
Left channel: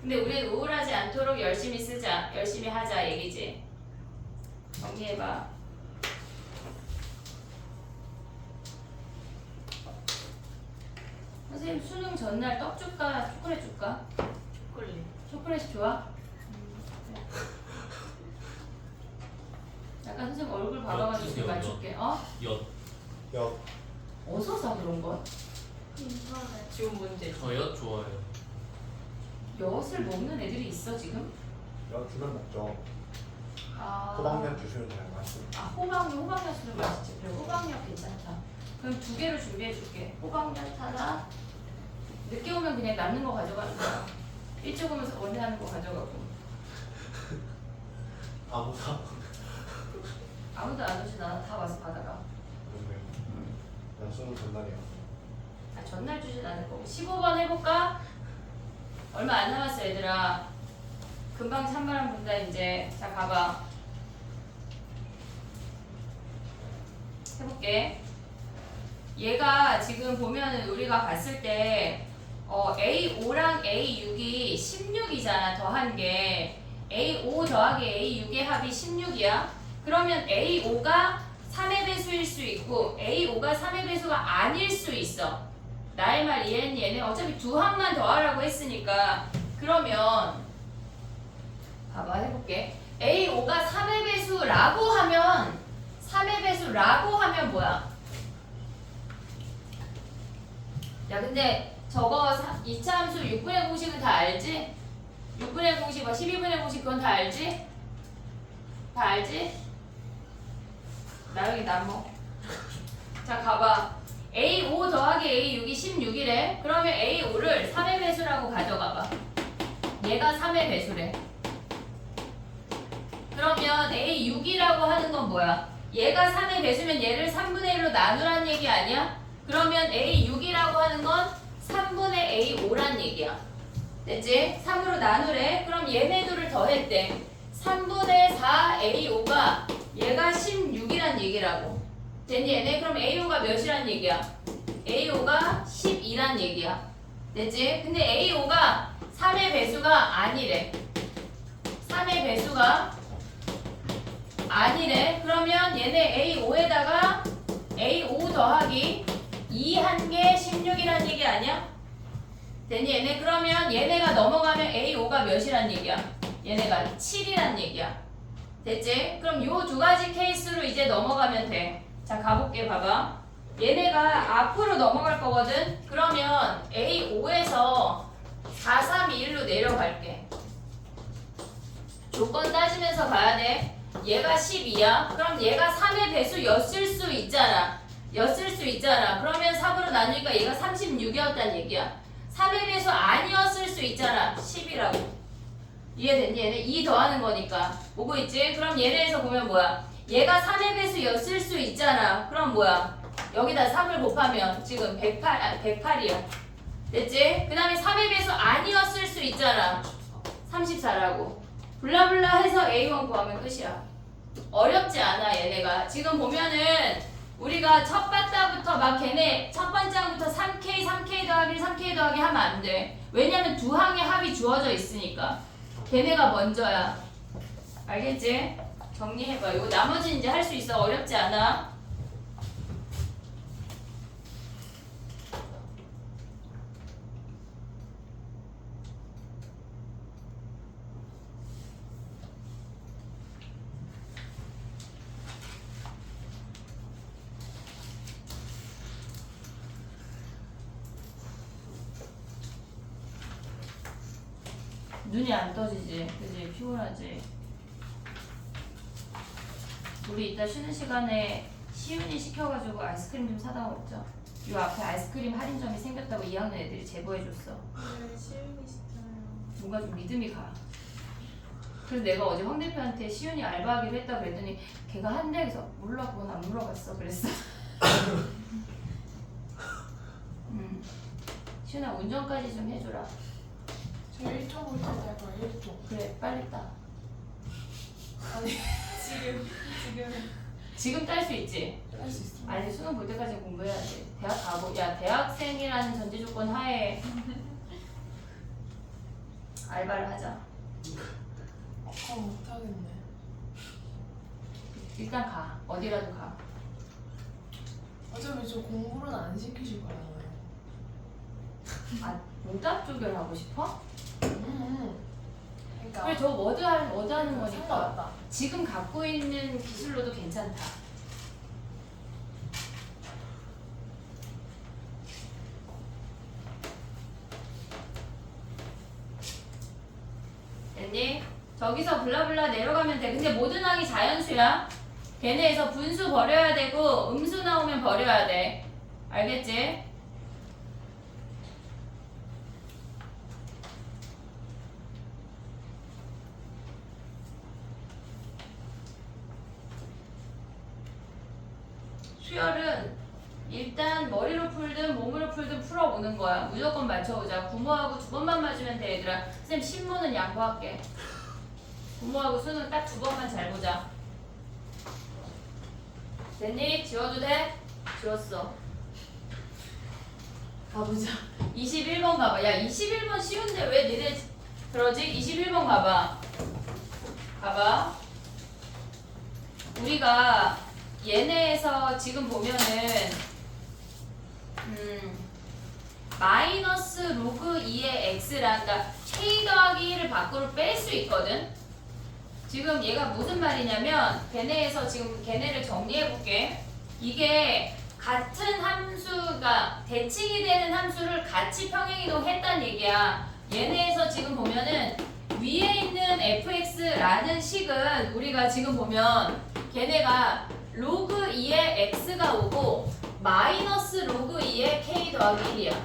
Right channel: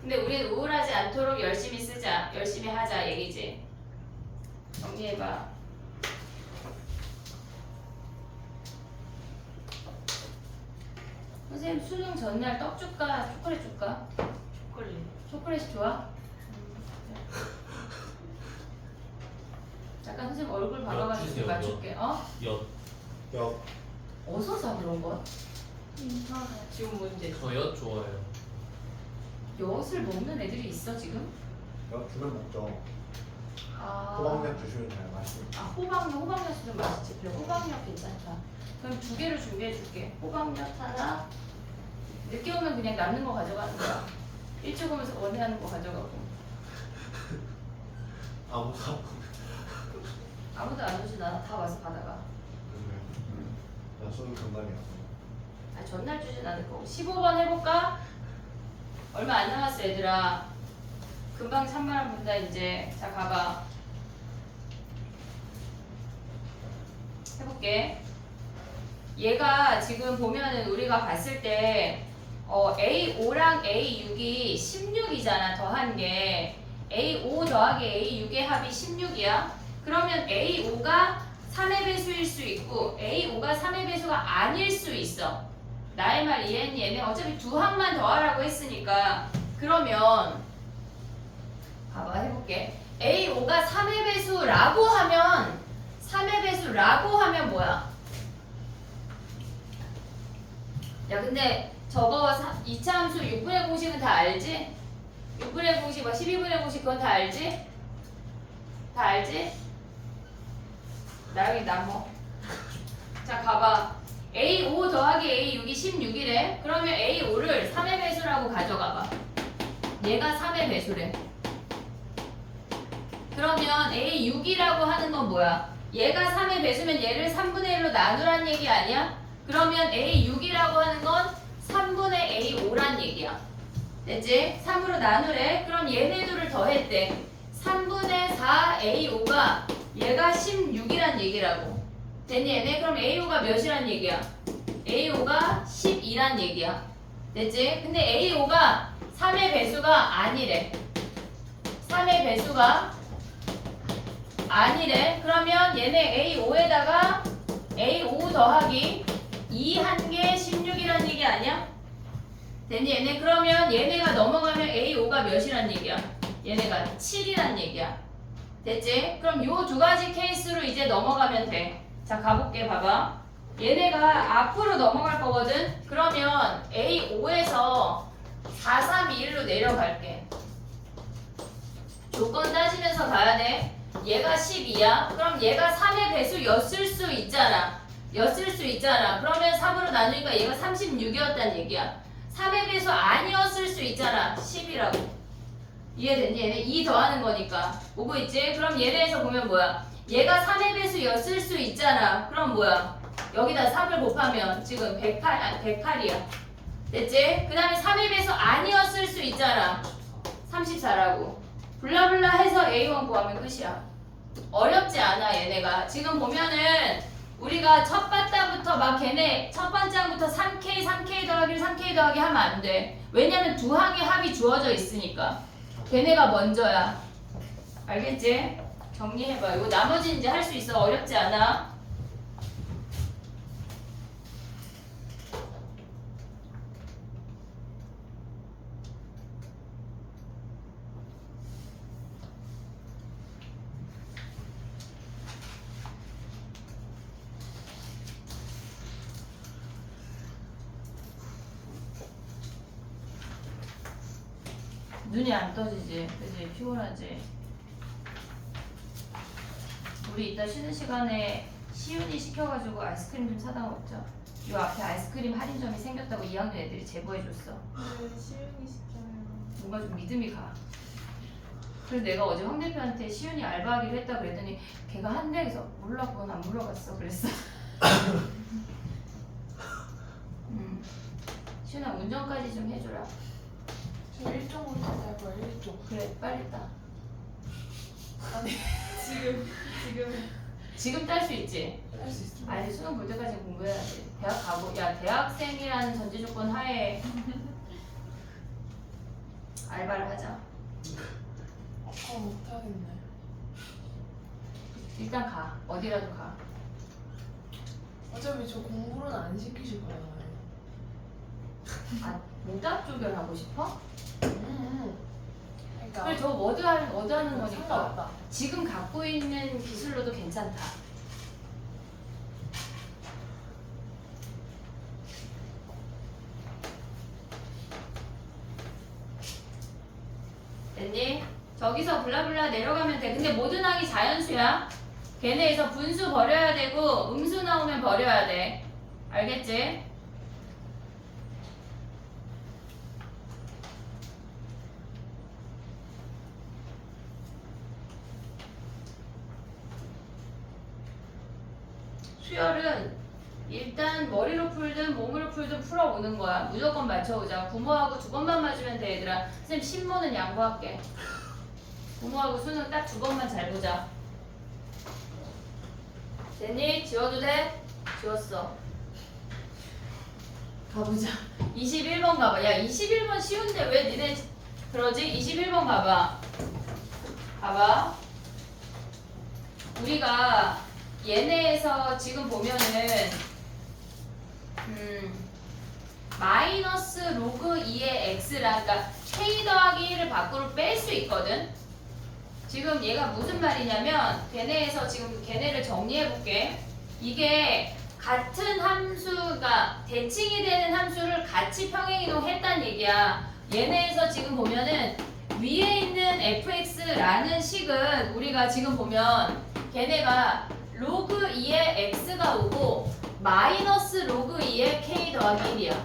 근데 우리 우울하지 않도록 열심히 쓰자. 열심히 하자 얘기지. 정리해봐. 선생님 수능 전날 떡 줄까? 초콜릿 줄까? 초콜릿. 초콜릿이 좋아? 약간 선생님 얼굴 봐봐가지고 주세요, 맞출게. 어? 엿. 여 어디서 사 그런 건? 인터넷. 지금 뭔데? 저엿 좋아해요. 엿을 먹는 애들이 있어 지금? 주면 먹죠. 아, 호박면 주시면 잘 맛있어요. 호박엿 수는 맛있지. 그래 호박엿 괜찮다. 그럼 2개를 준비해줄게. 호박엿 하나. 늦게 오면 그냥 남는 거 가져가는 거야. 일찍 오면서 원하는 거 가져가고. 아무도 안 오지 나 다 와서 받아가. 난 수능 전날이야. 아, 전날 주진 않을 거고. 15번 해볼까? 얼마 안 남았어 얘들아. 금방 찬바람 분다 이제. 자 가봐. 해볼게. 얘가 지금 보면은 우리가 봤을 때 A5랑 A6이 16이잖아. 더한 게 A5 더하기 A6의 합이 16이야. 그러면 A5가 3의 배수일 수 있고 A5가 3의 배수가 아닐 수 있어. 나의 말 이해했니? 얘네 어차피 두 합만 더하라고 했으니까. 그러면 봐봐 해볼게. A5가 3의 배수라고 하면 3의 배수라고 하면 뭐야? 야 근데 저거 2차 함수 6분의 공식은 다 알지? 6분의 공식, 12분의 공식 그건 다 알지? 다 알지? 나영이 나뭐? 자 가봐. A5 더하기 A6이 16이래. 그러면 A5를 3의 배수라고 가져가봐. 얘가 3의 배수래. 그러면 A6이라고 하는 건 뭐야? 얘가 3의 배수면 얘를 3분의 1로 나누라는 얘기 아니야? 그러면 A6이라고 하는 건 3분의 A5란 얘기야. 됐지? 3으로 나누래. 그럼 얘네들을 더했대. 3분의 4 A5가 얘가 16이란 얘기라고. 됐니 얘네? 그럼 A5가 몇이란 얘기야? A5가 12란 얘기야. 됐지? 근데 A5가 3의 배수가 아니래. 3의 배수가 아니래. 그러면 얘네 A5에다가 A5 더하기 2 한 개 16이란 얘기 아니야? 됐니 얘네? 그러면 얘네가 넘어가면 A5가 몇이란 얘기야? 얘네가 7이란 얘기야. 됐지? 그럼 요 두 가지 케이스로 이제 넘어가면 돼. 자 가볼게. 봐봐. 얘네가 앞으로 넘어갈 거거든? 그러면 A5에서 4, 3, 2, 1로 내려갈게. 조건 따지면서 가야 돼. 얘가 12야. 그럼 얘가 3의 배수였을 수 있잖아. 였을 수 있잖아. 그러면 3으로 나누니까 얘가 36이었단 얘기야. 3의 배수 아니었을 수 있잖아. 10이라고. 이해됐니? 얘네 2 더하는 거니까. 오고 있지? 그럼 얘네에서 보면 뭐야? 얘가 3의 배수였을 수 있잖아. 그럼 뭐야? 여기다 3을 곱하면 지금 108이야. 됐지? 그 다음에 3의 배수 아니었을 수 있잖아. 34라고. 블라블라 해서 A1 구하면 끝이야. 어렵지 않아 얘네가. 지금 보면은 우리가 첫 바다부터 막 걔네 첫 번째부터 3K, 3K 더하기 3K 더하기 하면 안 돼. 왜냐면 두 항의 합이 주어져 있으니까. 걔네가 먼저야. 알겠지? 정리해봐. 이거 나머지는 이제 할 수 있어. 어렵지 않아. 눈이 안 떠지지? 그지? 피곤하지? 우리 이따 쉬는 시간에 시윤이 시켜가지고 아이스크림 좀 사다 먹자. 요 앞에 아이스크림 할인점이 생겼다고 2학년 애들이 제보해줬어. 네, 시윤이 시켜요. 뭔가 좀 믿음이 가. 그래서 내가 어제 황 대표한테 시윤이 알바하기로 했다 그랬더니 걔가 한대에서 몰라 그건 안 물어봤어 그랬어. 시윤아 운전까지 좀 해줘라. 저 1종 올 때도 할 거야, 1종. 그래 빨리 따. 아니, 지금 딸 수 있지? 할 수 있어. 아니 수능 볼 때까지 공부해야 돼. 대학 가고 야 대학생이라는 전제 조건 하에 알바를 하자. 못하겠네. 일단 가. 어디라도 가. 어차피 저 공부는 안 시키실 거잖아요. 아 모답 조결하고 싶어? 그러니까 그래 저 머드 하는 거니까 상관없다. 지금 갖고 있는 기술로도 괜찮다. 됐니? 저기서 블라블라 내려가면 돼. 근데 모든 항이 자연수야. 걔네에서 분수 버려야 되고 음수 나오면 버려야 돼. 알겠지? 수열은 일단 머리로 풀든 몸으로 풀든 풀어오는 거야. 무조건 맞춰오자. 부모하고 두 번만 맞으면 돼 얘들아. 선생님 신모는 양보할게. 부모하고 수능 딱 두 번만 잘 보자. 됐니? 지워도 돼? 지웠어. 가보자. 21번 가봐. 야 21번 쉬운데 왜 니네 그러지? 21번 가봐. 봐봐. 우리가 얘네에서 지금 보면은 마이너스 로그 2의 x라 그러니까 k 더하기 1을 밖으로 뺄 수 있거든. 지금 얘가 무슨 말이냐면 걔네에서 지금 걔네를 정리해 볼게. 이게 같은 함수가 대칭이 되는 함수를 같이 평행이동했단 얘기야. 얘네에서 지금 보면은 위에 있는 fx라는 식은 우리가 지금 보면 걔네가 로그 2의 x가 오고 마이너스 로그 2의 k 더하기 1이야.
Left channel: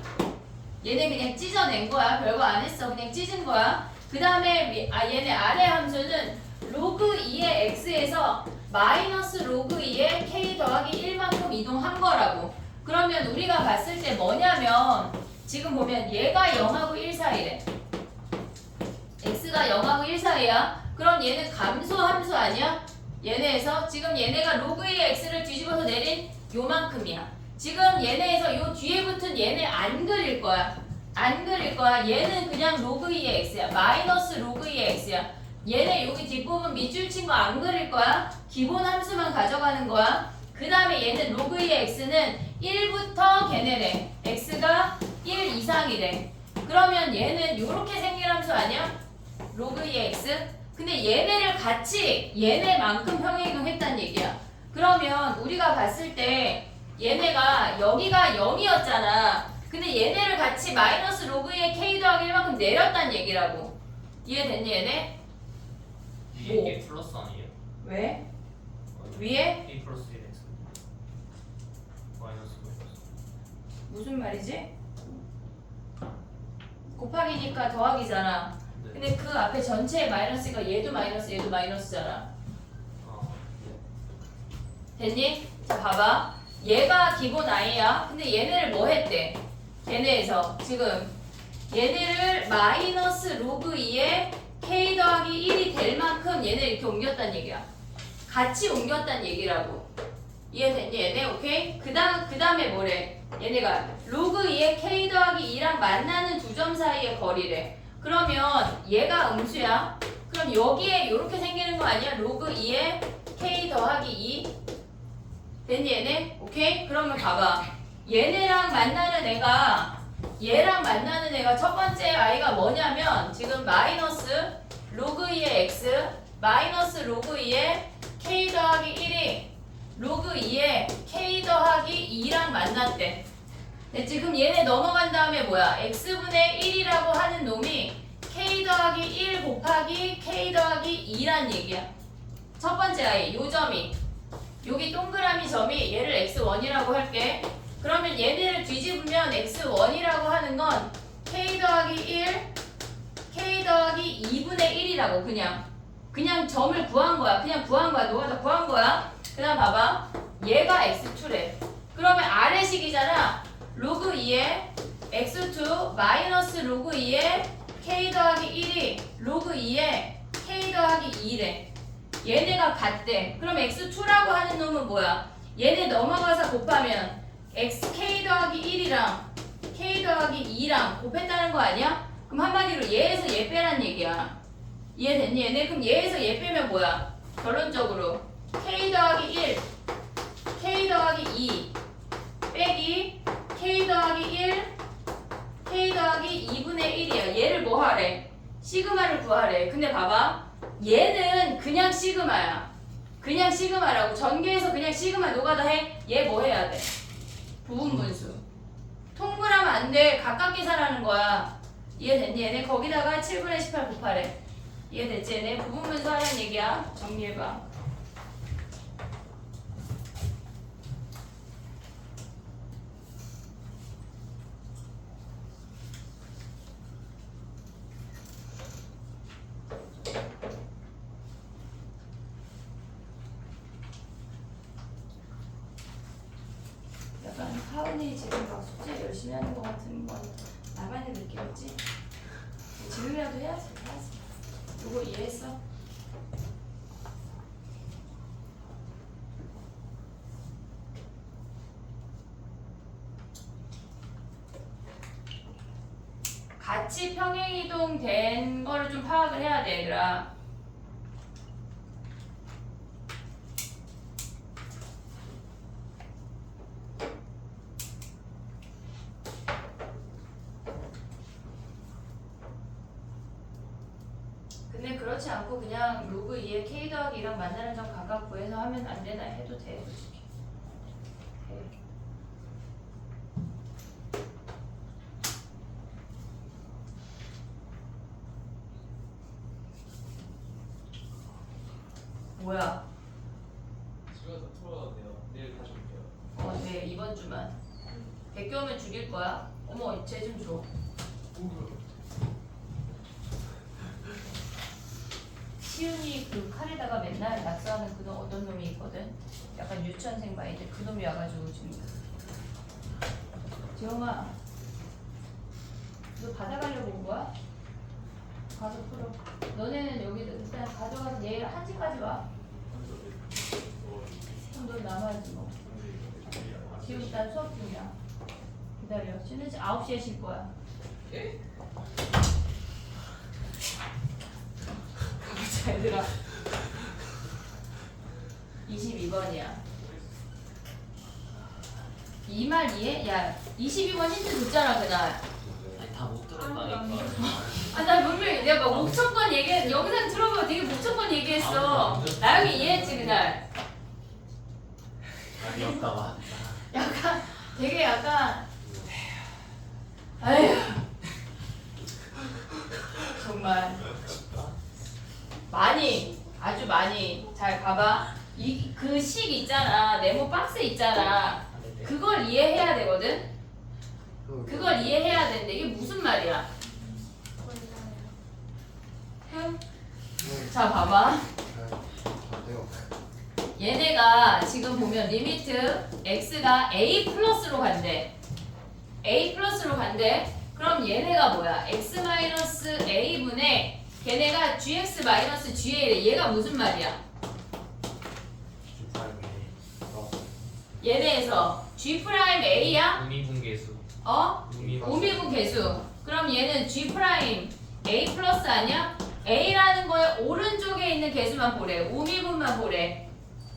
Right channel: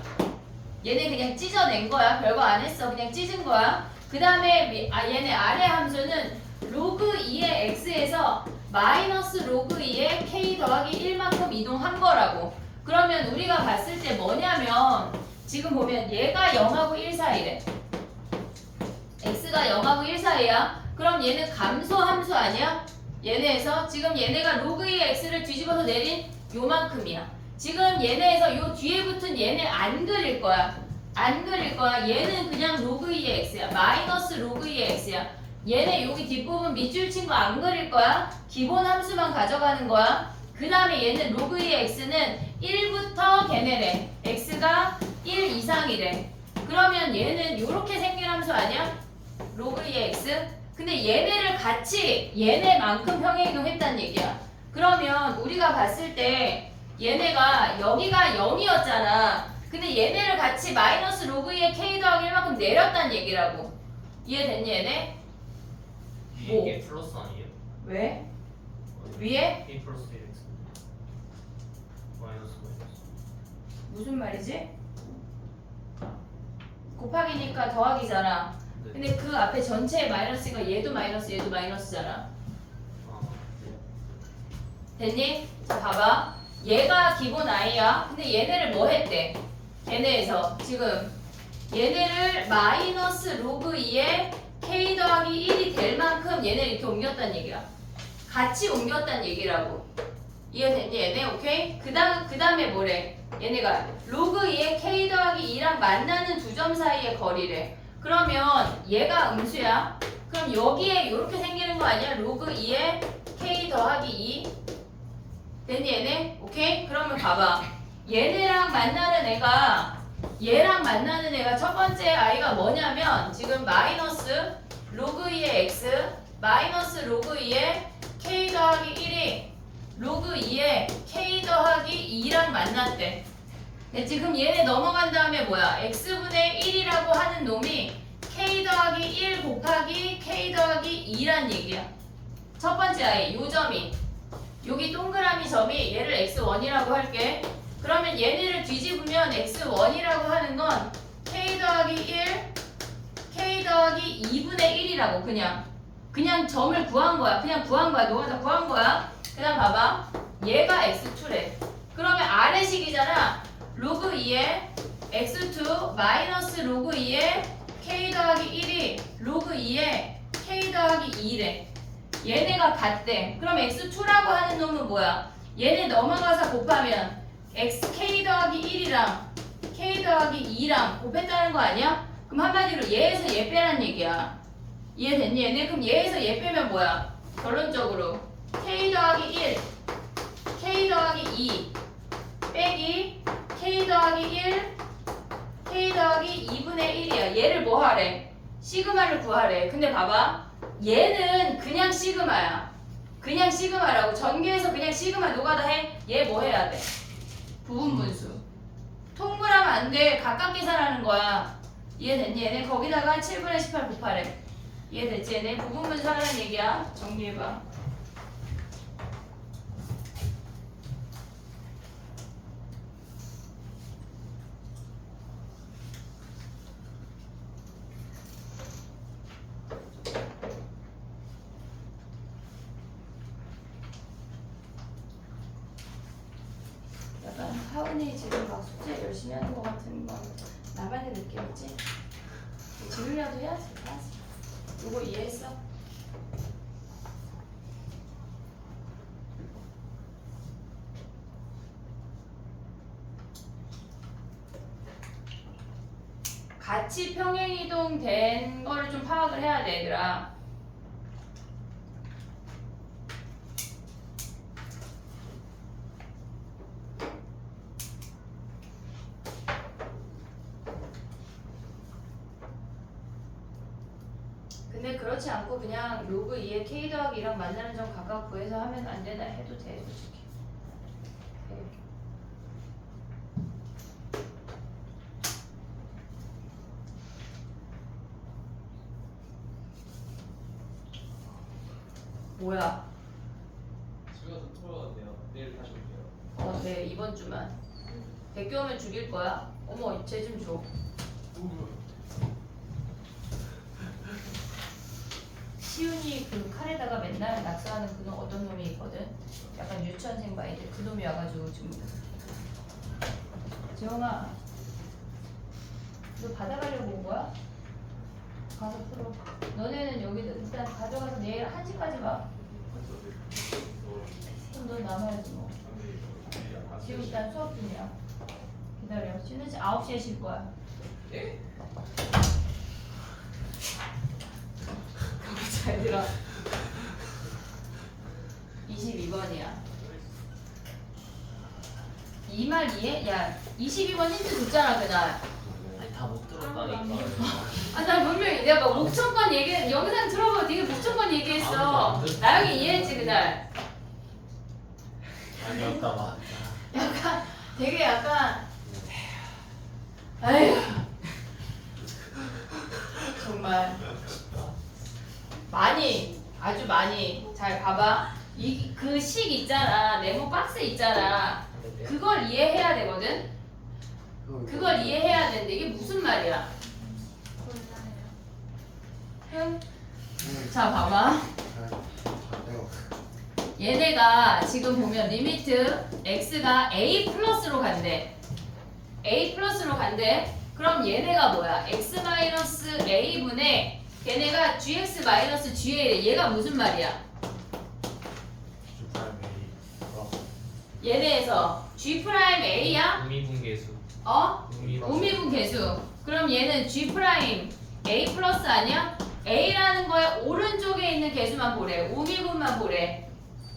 얘네 그냥 찢어낸 거야. 별거 안 했어. 그냥 찢은 거야. 그 다음에 얘네 아래 함수는 로그 2의 x에서 마이너스 로그 2의 k 더하기 1만큼 이동한 거라고. 그러면 우리가 봤을 때 뭐냐면 지금 보면 얘가 0하고 1 사이래. x가 0하고 1 사이야. 그럼 얘는 감소 함수 아니야? 얘네에서 지금 얘네가 로그 2의 x를 뒤집어서 내린 요만큼이야. 지금 얘네에서 요 뒤에 붙은 얘네 안 그릴 거야. 안 그릴 거야. 얘는 그냥 로그 2의 x야. 마이너스 로그 2의 x야. 얘네 여기 뒷부분 밑줄 친 거 안 그릴 거야. 기본 함수만 가져가는 거야. 그 다음에 얘는 로그 2의 x는 1부터 걔네래. x가 1 이상이래. 그러면 얘는 이렇게 생긴 함수 아니야? 로그 2의 x? 근데 얘네를 같이 얘네만큼 평행이동했다는 얘기야. 그러면 우리가 봤을 때 얘네가 여기가 0이었잖아. 근데 얘네를 같이 마이너스 로그 2의 k 더하기 1만큼 내렸다는 얘기라고. 이해됐니 얘네? 위에 뭐? 이게 플러스 아니에요? 왜? 위에? a 플러스 1x 마이너스 무슨 말이지? 곱하기니까 더하기잖아. 네. 근데 그 앞에 전체의 마이너스가 얘도 마이너스 얘도 마이너스잖아. 됐니? 자 봐봐. 얘가 기본 i야. 근데 얘네를 뭐 했대? 얘네에서 지금 얘네를 마이너스 로그 2에 k 더하기 1이 될 만큼 얘네 이렇게 옮겼다는 얘기야. 같이 옮겼다는 얘기라고. 이해됐니 얘네? 오케이? 그 다음에 뭐래? 얘네가 로그 2에 k 더하기 2랑 만나는 두 점 사이의 거리래. 그러면 얘가 음수야. 그럼 여기에 이렇게 생기는 거 아니야? 로그 2에 k 더하기 2. 됐니 얘네? 오케이? 그러면 봐봐. 얘네랑 만나는 애가 얘랑 만나는 애가 첫 번째 i가 뭐냐면 지금 마이너스 로그 2의 x 마이너스 로그 2의 k 더하기 1이 로그 2의 k 더하기 2랑 만났대. 네, 지금 얘네 넘어간 다음에 뭐야? x분의 1이라고 하는 놈이 k 더하기 1 곱하기 k 더하기 2란 얘기야. 첫 번째 i 요 점이 여기 동그라미 점이 얘를 x1이라고 할게. 그러면 얘네를 뒤집으면 x1이라고 하는 건 k 더하기 1 k 더하기 2분의 1이라고 그냥 점을 구한 거야. 그냥 구한 거야. 너가 다 구한 거야. 그 다음 봐봐. 얘가 x2래. 그러면 아래식이잖아. 로그 2에 x2 마이너스 로그 2에 k 더하기 1이 로그 2에 k 더하기 2래. 얘네가 같대. 그럼 x2라고 하는 놈은 뭐야? 얘네 넘어가서 곱하면 xk 더하기 1이랑 k 더하기 2랑 곱했다는 거 아니야? 그럼 한마디로 얘에서 얘 빼란 얘기야. 이해됐니 얘네? 그럼 얘에서 얘 빼면 뭐야? 결론적으로 k 더하기 1 k 더하기 2 빼기 k 더하기 1 k 더하기 2분의 1이야. 얘를 뭐 하래? 시그마를 구하래. 근데 봐봐. 얘는 그냥 시그마야. 그냥 시그마라고. 전개해서 그냥 시그마 노가다 해. 얘 뭐 해야 돼? 부분분수. 통분하면 안 돼. 각각 계산하는 거야. 이해됐니? 얘네 거기다가 7분의 18 곱하래. 이해됐지? 얘네 부분분수 하라는 얘기야. 정리해봐. 약간 하은이 지금 막 숙제 열심히 하는 것 같은 건 나만의 느낌이지? 지금이라도 해야지. 이거 이해했어? 같이 평행이동 된 거를 좀 파악을 해야 돼 얘들아. 근데 그렇지 않고 그냥 로그 2에 k 더하기 2랑 만나는 점 각각 구해서 하면 안 되나 해도 돼 솔직히. 해. 뭐야? 집에 가서 풀어왔네요. 내일 다시 올게요. 네 이번 주만. 백교 오면 죽일 거야. 어머 쟤 좀 줘. 시윤이 그 칼에다가 맨날 낙서하는 그놈 어떤 놈이 있거든. 약간 유치원생 봐 이제 그 놈이 와가지고 지금. 재영아, 너 받아가려고 온 거야? 가서 풀어. 너네는 여기 일단 가져가서 내일 1시까지 와. 그럼 너 남아야지 뭐. 지금 일단 수업 중이야. 기다려. 쉬는 시 9시에 쉴 거야. 예? 잘 들어. 22번이야. 이 말 이해? 야, 22번 힌트 줬잖아 그날. 아니 다 못 들었다니까. 아, 나 분명히 내가 목청권 얘기 영상 들어보고 되게 목청권 얘기했어. 나영이 이해했지 그날. 아니었다가. 약간 되게 약간 아휴 정말 많이 아주 많이 잘 봐봐. 이 그 식 있잖아 네모 박스 있잖아. 그걸 이해해야 되거든. 그걸 이해해야 되는데 이게 무슨 말이야? 몰라요. 자 봐봐. 잘해요. 얘네가 지금 보면 리미트 x가 a 플러스로 간대. a 플러스로 간대. 그럼 얘네가 뭐야? x 마이너스 a분의 걔네가 gx 마이너스 ga래. 얘가 무슨 말이야? 얘네에서 g 프라임 a야? 우미분계수. 어? 우미분 계수. 그럼 얘는 g 프라임 a 플러스 아니야? a라는 거에 오른쪽에 있는 계수만 보래. 우미분만 보래.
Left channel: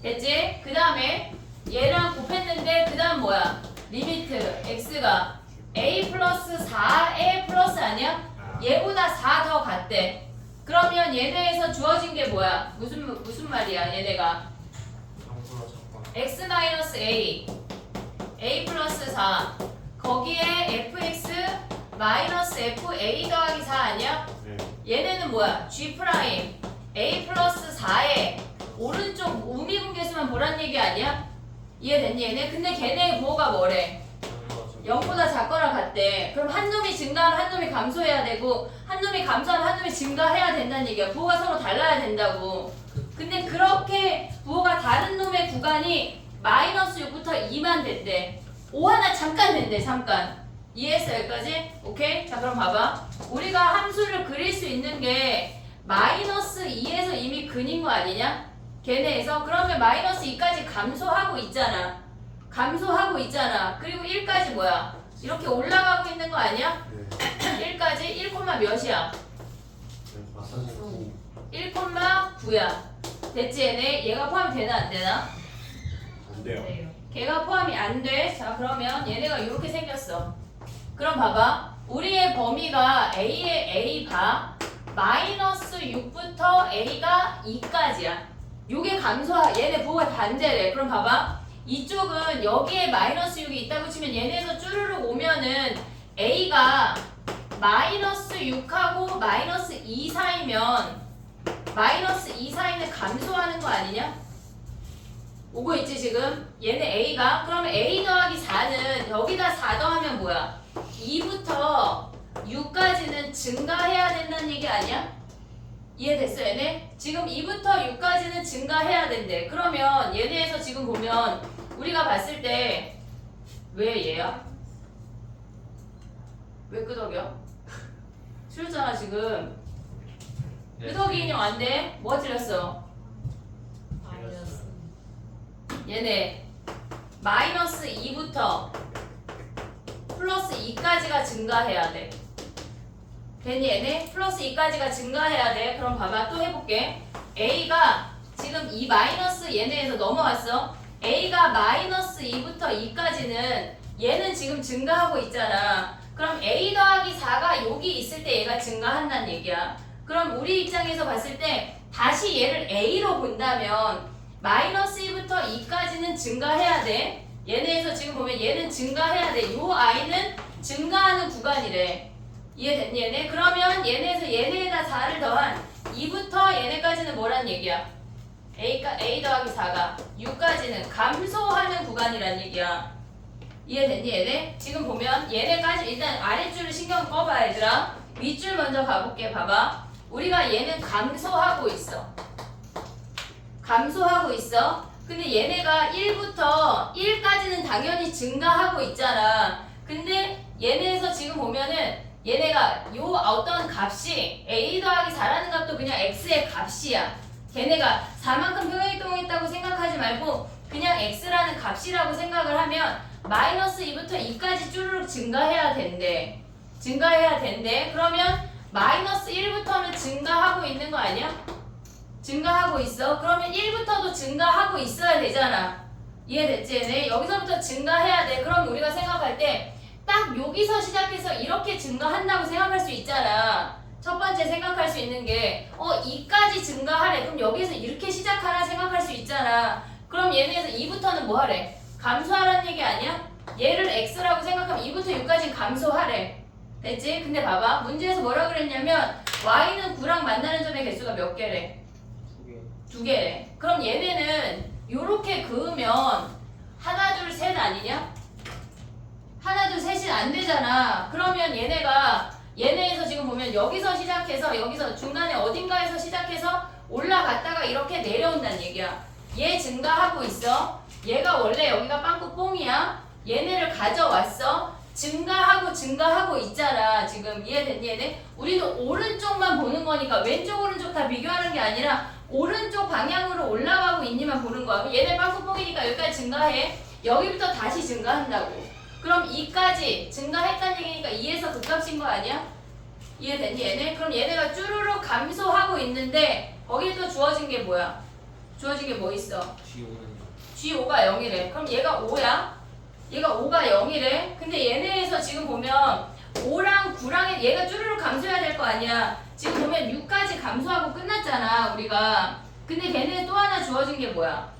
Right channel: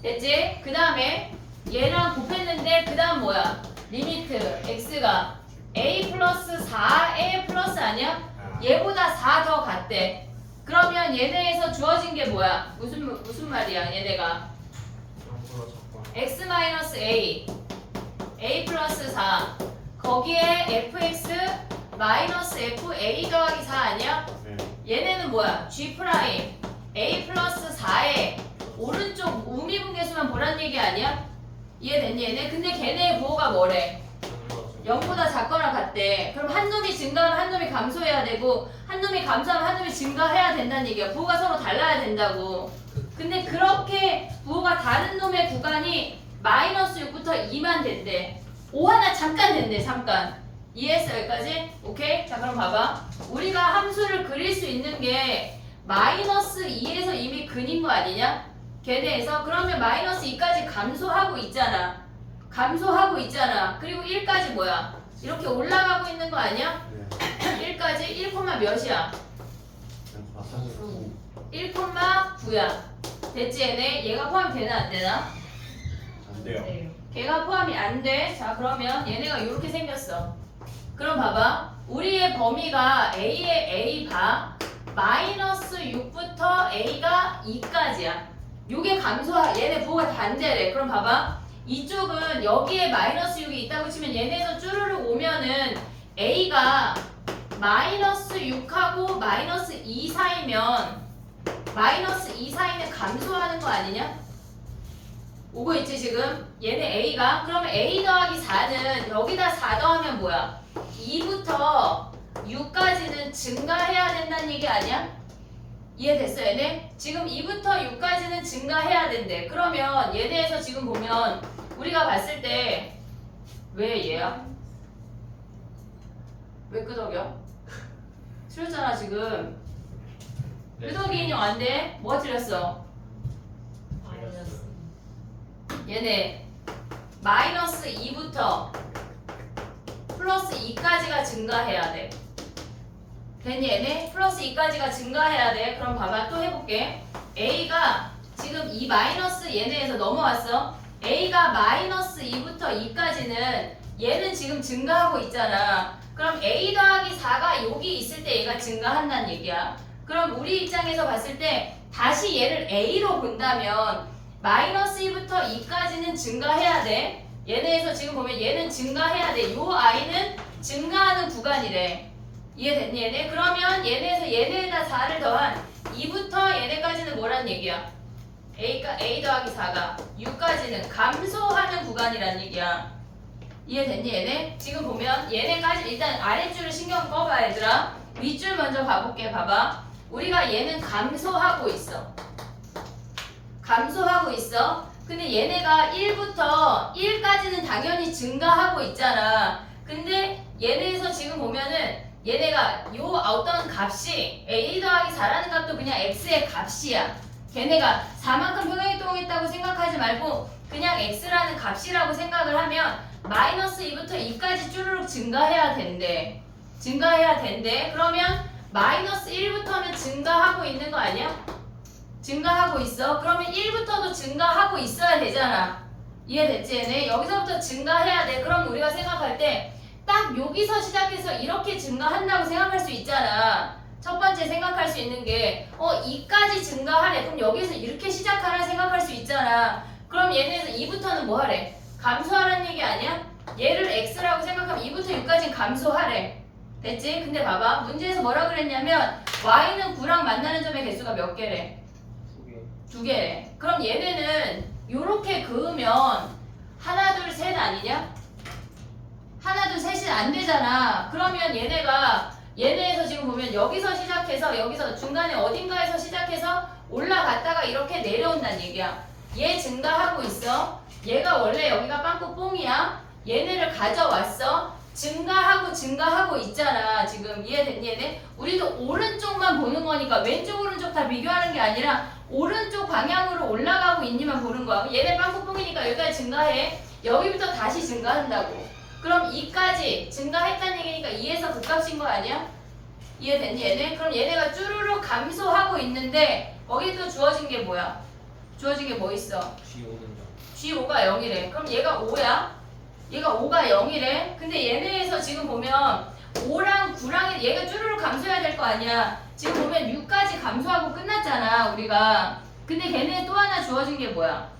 됐지? 그 다음에 얘랑 곱했는데 그 다음 뭐야? 리미트 x가 a 플러스 4에 플러스 아니야? 얘보다 4 더 같대. 그러면 얘네에서 주어진 게 뭐야? 무슨 말이야 얘네가? 영구로 잡고. x 마이너스 a 플러스 4 거기에 fx 마이너스 fa 더하기 4 아니야? 네. 얘네는 뭐야? g 프라임 a 플러스 4에 오른쪽 우미분계수만 보란 얘기 아니야? 이해됐니 얘네? 근데 걔네의 부호가 뭐래? 0보다 작거나 같대. 그럼 한 놈이 증가하면 한 놈이 감소해야 되고 한 놈이 감소하면 한 놈이 증가해야 된다는 얘기야. 부호가 서로 달라야 된다고. 근데 그렇게 부호가 다른 놈의 구간이 마이너스 6부터 2만 된대. 5 하나 잠깐 된대. 잠깐. 이해했어 여기까지? 오케이? 자 그럼 봐봐. 우리가 함수를 그릴 수 있는 게 마이너스 2에서 이미 근인 거 아니냐? 걔네에서 그러면 마이너스 2까지 감소하고 있잖아. 감소하고 있잖아. 그리고 1까지 뭐야? 이렇게 올라가고 있는 거 아니야? 네. 1까지 1, 몇이야? 마사지 9. 1,9야. 됐지 얘네? 얘가 포함이 되나 안 되나? 안 돼요. 걔가 포함이 안 돼. 자 그러면 얘네가 이렇게 생겼어. 그럼 봐봐. 우리의 범위가 a의 a 바 마이너스 6부터 a가 2까지야. 요게 얘네 부호가 반대래. 그럼 봐봐. 이쪽은 여기에 마이너스 6이 있다고 치면 얘네에서 쭈르륵 오면은 a가 마이너스 6하고 마이너스 2 사이면 마이너스 2 사이는 감소하는 거 아니냐? 오고 있지 지금? 얘네 a가 그러면 a 더하기 4는 여기다 4 더하면 뭐야? 2부터 6까지는 증가해야 된다는 얘기 아니야? 이해됐어 얘네? 지금 2부터 6까지는 증가해야 된대. 그러면 얘네에서 지금 보면 우리가 봤을 때 왜 얘야? 왜 끄덕여? 틀렸잖아 지금. 끄덕이 인형 안 돼? 뭐가 틀렸어? 얘네 마이너스 2부터 플러스 2까지가 증가해야 돼. 됐니 얘네? 플러스 2까지가 증가해야 돼. 그럼 봐봐 또 해볼게. a가 지금 이 마이너스 얘네에서 넘어왔어. a가 마이너스 2부터 2까지는 얘는 지금 증가하고 있잖아. 그럼 a 더하기 4가 여기 있을 때 얘가 증가한다는 얘기야. 그럼 우리 입장에서 봤을 때 다시 얘를 a로 본다면 마이너스 2부터 2까지는 증가해야 돼. 얘네에서 지금 보면 얘는 증가해야 돼. 요 i는 증가하는 구간이래. 이해됐니 얘네? 그러면 얘네에서 얘네에다 4를 더한 2부터 얘네까지는 뭐란 얘기야? a 더하기 4가 6까지는 감소하는 구간이란 얘기야. 이해됐니 얘네? 지금 보면 얘네까지 일단 아랫줄을 신경 꺼봐 얘들아. 윗줄 먼저 가볼게. 봐봐. 우리가 얘는 감소하고 있어. 감소하고 있어. 근데 얘네가 1부터 1까지는 당연히 증가하고 있잖아. 근데 얘네에서 지금 보면은 얘네가 요 어떤 값이 a 더하기 4라는 값도 그냥 x의 값이야. 걔네가 4만큼 평행이동했다고 생각하지 말고 그냥 x라는 값이라고 생각을 하면 마이너스 2부터 2까지 쭈르륵 증가해야 된대. 증가해야 된대. 그러면 마이너스 1부터는 증가하고 있는 거 아니야? 증가하고 있어. 그러면 1부터도 증가하고 있어야 되잖아. 이해됐지? 얘네? 여기서부터 증가해야 돼. 그럼 우리가 생각할 때 딱 여기서 시작해서 이렇게 증가한다고 생각할 수 있잖아. 첫 번째 생각할 수 있는 게 2까지 증가하래. 그럼 여기서 이렇게 시작하라 생각할 수 있잖아. 그럼 얘네에서 2부터는 뭐 하래? 감소하라는 얘기 아니야? 얘를 x라고 생각하면 2부터 6까지 감소하래. 됐지? 근데 봐봐. 문제에서 뭐라 그랬냐면 y는 9랑 만나는 점의 개수가 몇 개래? 2개래. 그럼 얘네는 요렇게 그으면 하나 둘 셋 아니냐? 하나 둘 셋이 안 되잖아. 그러면 얘네에서 지금 보면 여기서 시작해서 여기서 중간에 어딘가에서 시작해서 올라갔다가 이렇게 내려온다는 얘기야. 얘 증가하고 있어. 얘가 원래 여기가 빵꾸 뽕이야. 얘네를 가져왔어. 증가하고 있잖아. 지금 이해됐니 얘네? 우리는 오른쪽만 보는 거니까 왼쪽 오른쪽 다 비교하는 게 아니라 오른쪽 방향으로 올라가고 있니만 보는 거야. 얘네 빵꾸 뽕이니까 여기까지 증가해. 여기부터 다시 증가한다고. 그럼 2까지 증가했다는 얘기니까 2에서 극값인 거 아니야? 이해됐니 얘네? 그럼 얘네가 쭈루룩 감소하고 있는데 거기에 또 주어진 게 뭐야? 주어진 게 뭐 있어? G5가 0이래. 그럼 얘가 5야? 얘가 5가 0이래. 근데 얘네에서 지금 보면 5랑 9랑 얘가 쭈루룩 감소해야 될 거 아니야. 지금 보면 6까지 감소하고 끝났잖아 우리가. 근데 걔네 또 하나 주어진 게 뭐야?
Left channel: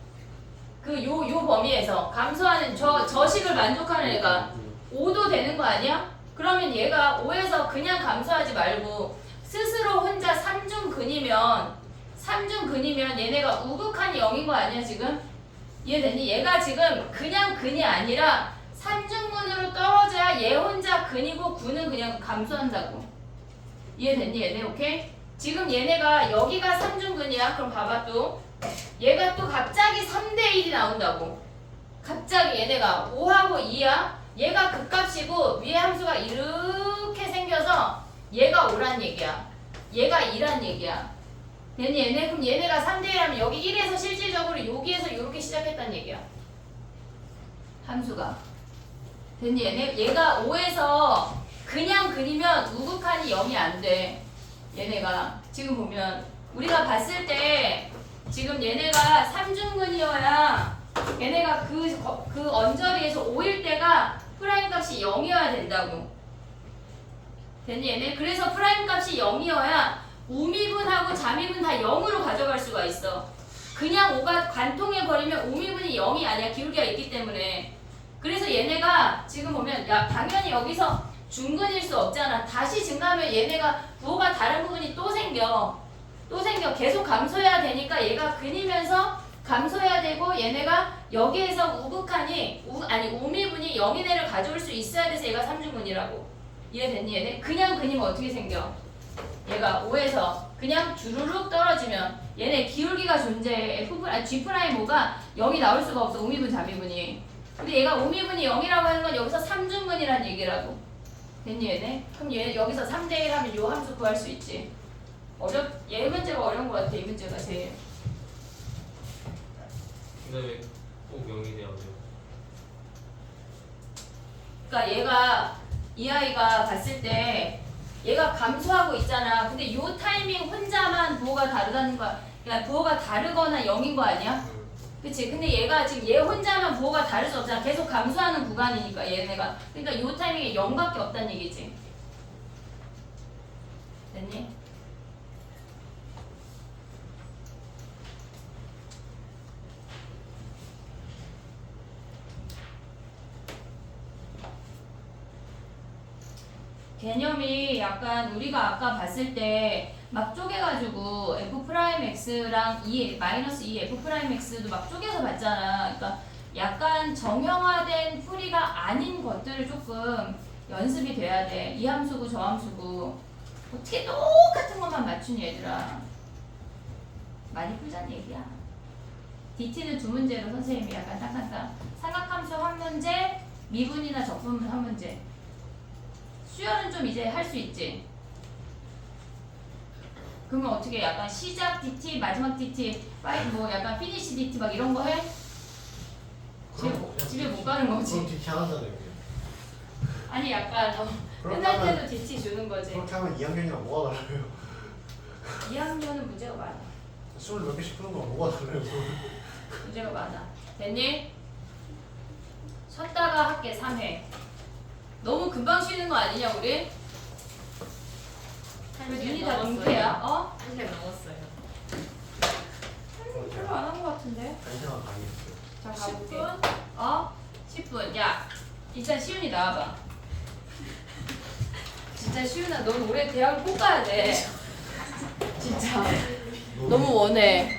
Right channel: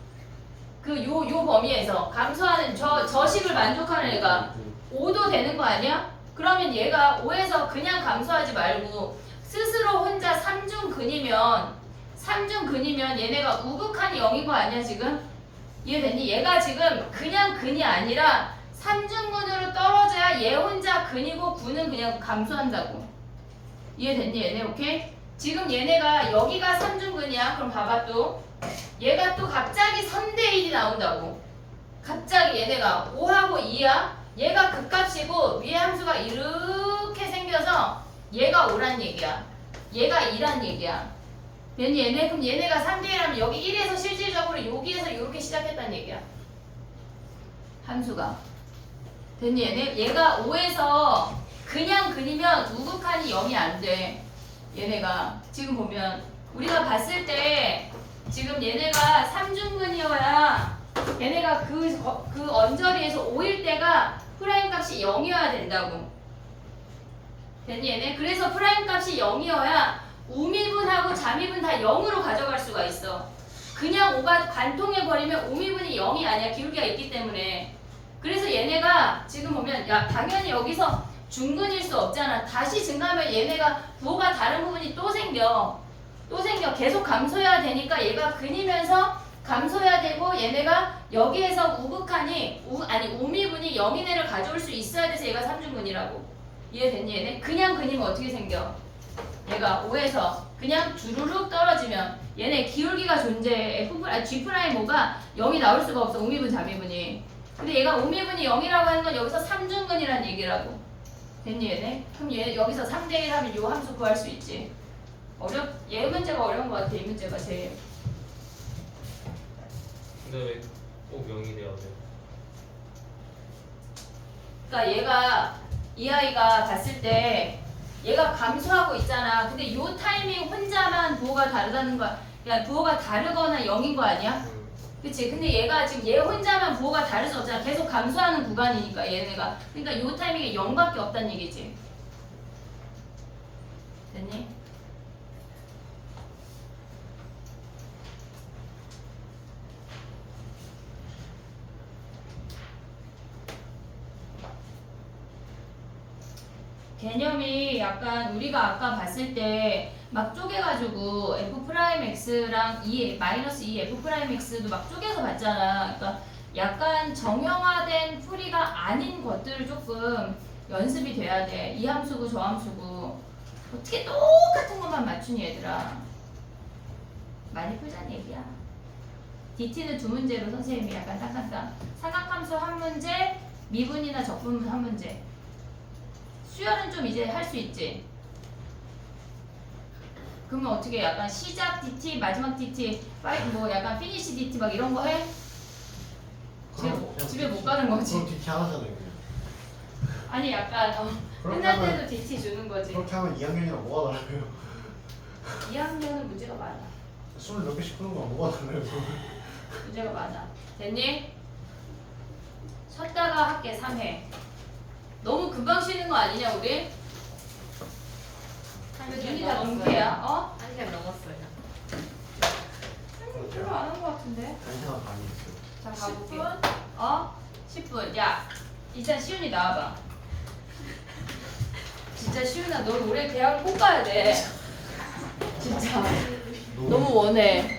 요 범위에서 감소하는 저 식을 만족하는 애가 5도 되는 거 아니야? 그러면 얘가 5에서 그냥 감소하지 말고 스스로 혼자 3중근이면 얘네가 우극한이 0인 거 아니야 지금? 이해됐니? 얘가 지금 그냥 근이 아니라 3중근으로 떨어져야 얘 혼자 근이고 9는 그냥 감소한다고. 이해됐니 얘네? 오케이? 지금 얘네가 여기가 3중근이야. 그럼 봐봐 또 얘가 또 갑자기 3대1이 나온다고. 갑자기 얘네가 5하고 2야. 얘가 극값이고 위에 함수가 이렇게 생겨서 얘가 5란 얘기야. 얘가 2란 얘기야. 얘네 그럼 얘네가 3대1 하면 여기 1에서 실질적으로 여기에서 이렇게 시작했단 얘기야. 함수가. 됐니 얘네? 얘가 5에서 그냥 근이면 우극한이 0이 안 돼. 얘네가 지금 보면 우리가 봤을 때 지금 얘네가 3중근이어야 얘네가 그 언저리에서 5일 때가 프라임 값이 0이어야 된다고. 됐니 얘네? 그래서 프라임 값이 0이어야 우미분하고 자미분 다 0으로 가져갈 수가 있어. 그냥 5가 관통해버리면 우미분이 0이 아니야. 기울기가 있기 때문에. 그래서 얘네가 지금 보면 야 당연히 여기서 중근일 수 없잖아. 다시 증가하면 얘네가 부호가 다른 부분이 또 생겨. 계속 감소해야 되니까 얘가 근이면서 감소해야 되고 얘네가 여기에서 우미분이 0인 애를 가져올 수 있어야 돼서 얘가 3중근이라고. 이해됐니 얘네? 그냥 근이면 어떻게 생겨? 얘가 5에서 그냥 주르륵 떨어지면 얘네 기울기가 존재해. G'5가 0이 나올 수가 없어. 우미분 자미분이. 근데 얘가 우미분이 0이라고 하는 건 여기서 3중근이라는 얘기라고. 됐니 얘네? 그럼 얘 여기서 3대1 하면 요 함수 구할 수 있지. 얘 문제가 어려운 것 같아. 이 문제가 제일. 근데 왜 꼭 0이 돼야 돼? 그러니까 얘가 이 아이가 봤을 때 얘가 감소하고 있잖아. 근데 요 타이밍 혼자만 부호가 다르다는 거야. 야 부호가 다르거나 0인 거 아니야? 그치? 근데 얘가 지금 얘 혼자만 부호가 다를 수 없잖아. 계속 감소하는 구간이니까 얘네가. 그러니까 요 타이밍에 0밖에 없다는 얘기지. 됐니? 개념이 약간 우리가 아까 봤을 때 막 쪼개가지고 F'X랑 마이너스 2 F'X도 막 쪼개서 봤잖아. 그러니까 약간 정형화된 풀이가 아닌 것들을 조금 연습이 돼야 돼. 이 함수고 저 함수고 어떻게 똑같은 것만 맞추니 얘들아. 많이 풀자는 얘기야. DT는 두 문제로 선생님이 약간 딱한다. 삼각함수 한 문제, 미분이나 적분 한 문제. 수열은 좀 이제 할 수 있지. 그러면 어떻게 약간 시작 DT, 마지막 DT, 뭐 약간 피니시 DT 막 이런 거 해? 집에 못 가는 거지. 그럼 DT 하나잖아요. 아니 약간 그렇게 끝날 하면 때도 DT 주는 거지. 그렇게 하면 2학년이랑 뭐가 달라요? 2학년은 문제가 많아. 20몇 개씩 푸는 거 뭐가 달라요? 문제가 많아. 됐니? 쉬었다가 할게 3회. 너무 금방 쉬는 거 아니냐 우리? 왜 눈이 다 동태야? 어? 1시간 넘었어요. 별로 안 한 거 같은데? 1시간 많이 했어요. 자 가볼게. 어? 10분. 야, 일단 시윤이 나와봐. 진짜 시윤아, 넌 올해 대학을 꼭 가야 돼. 진짜. 너무 원해.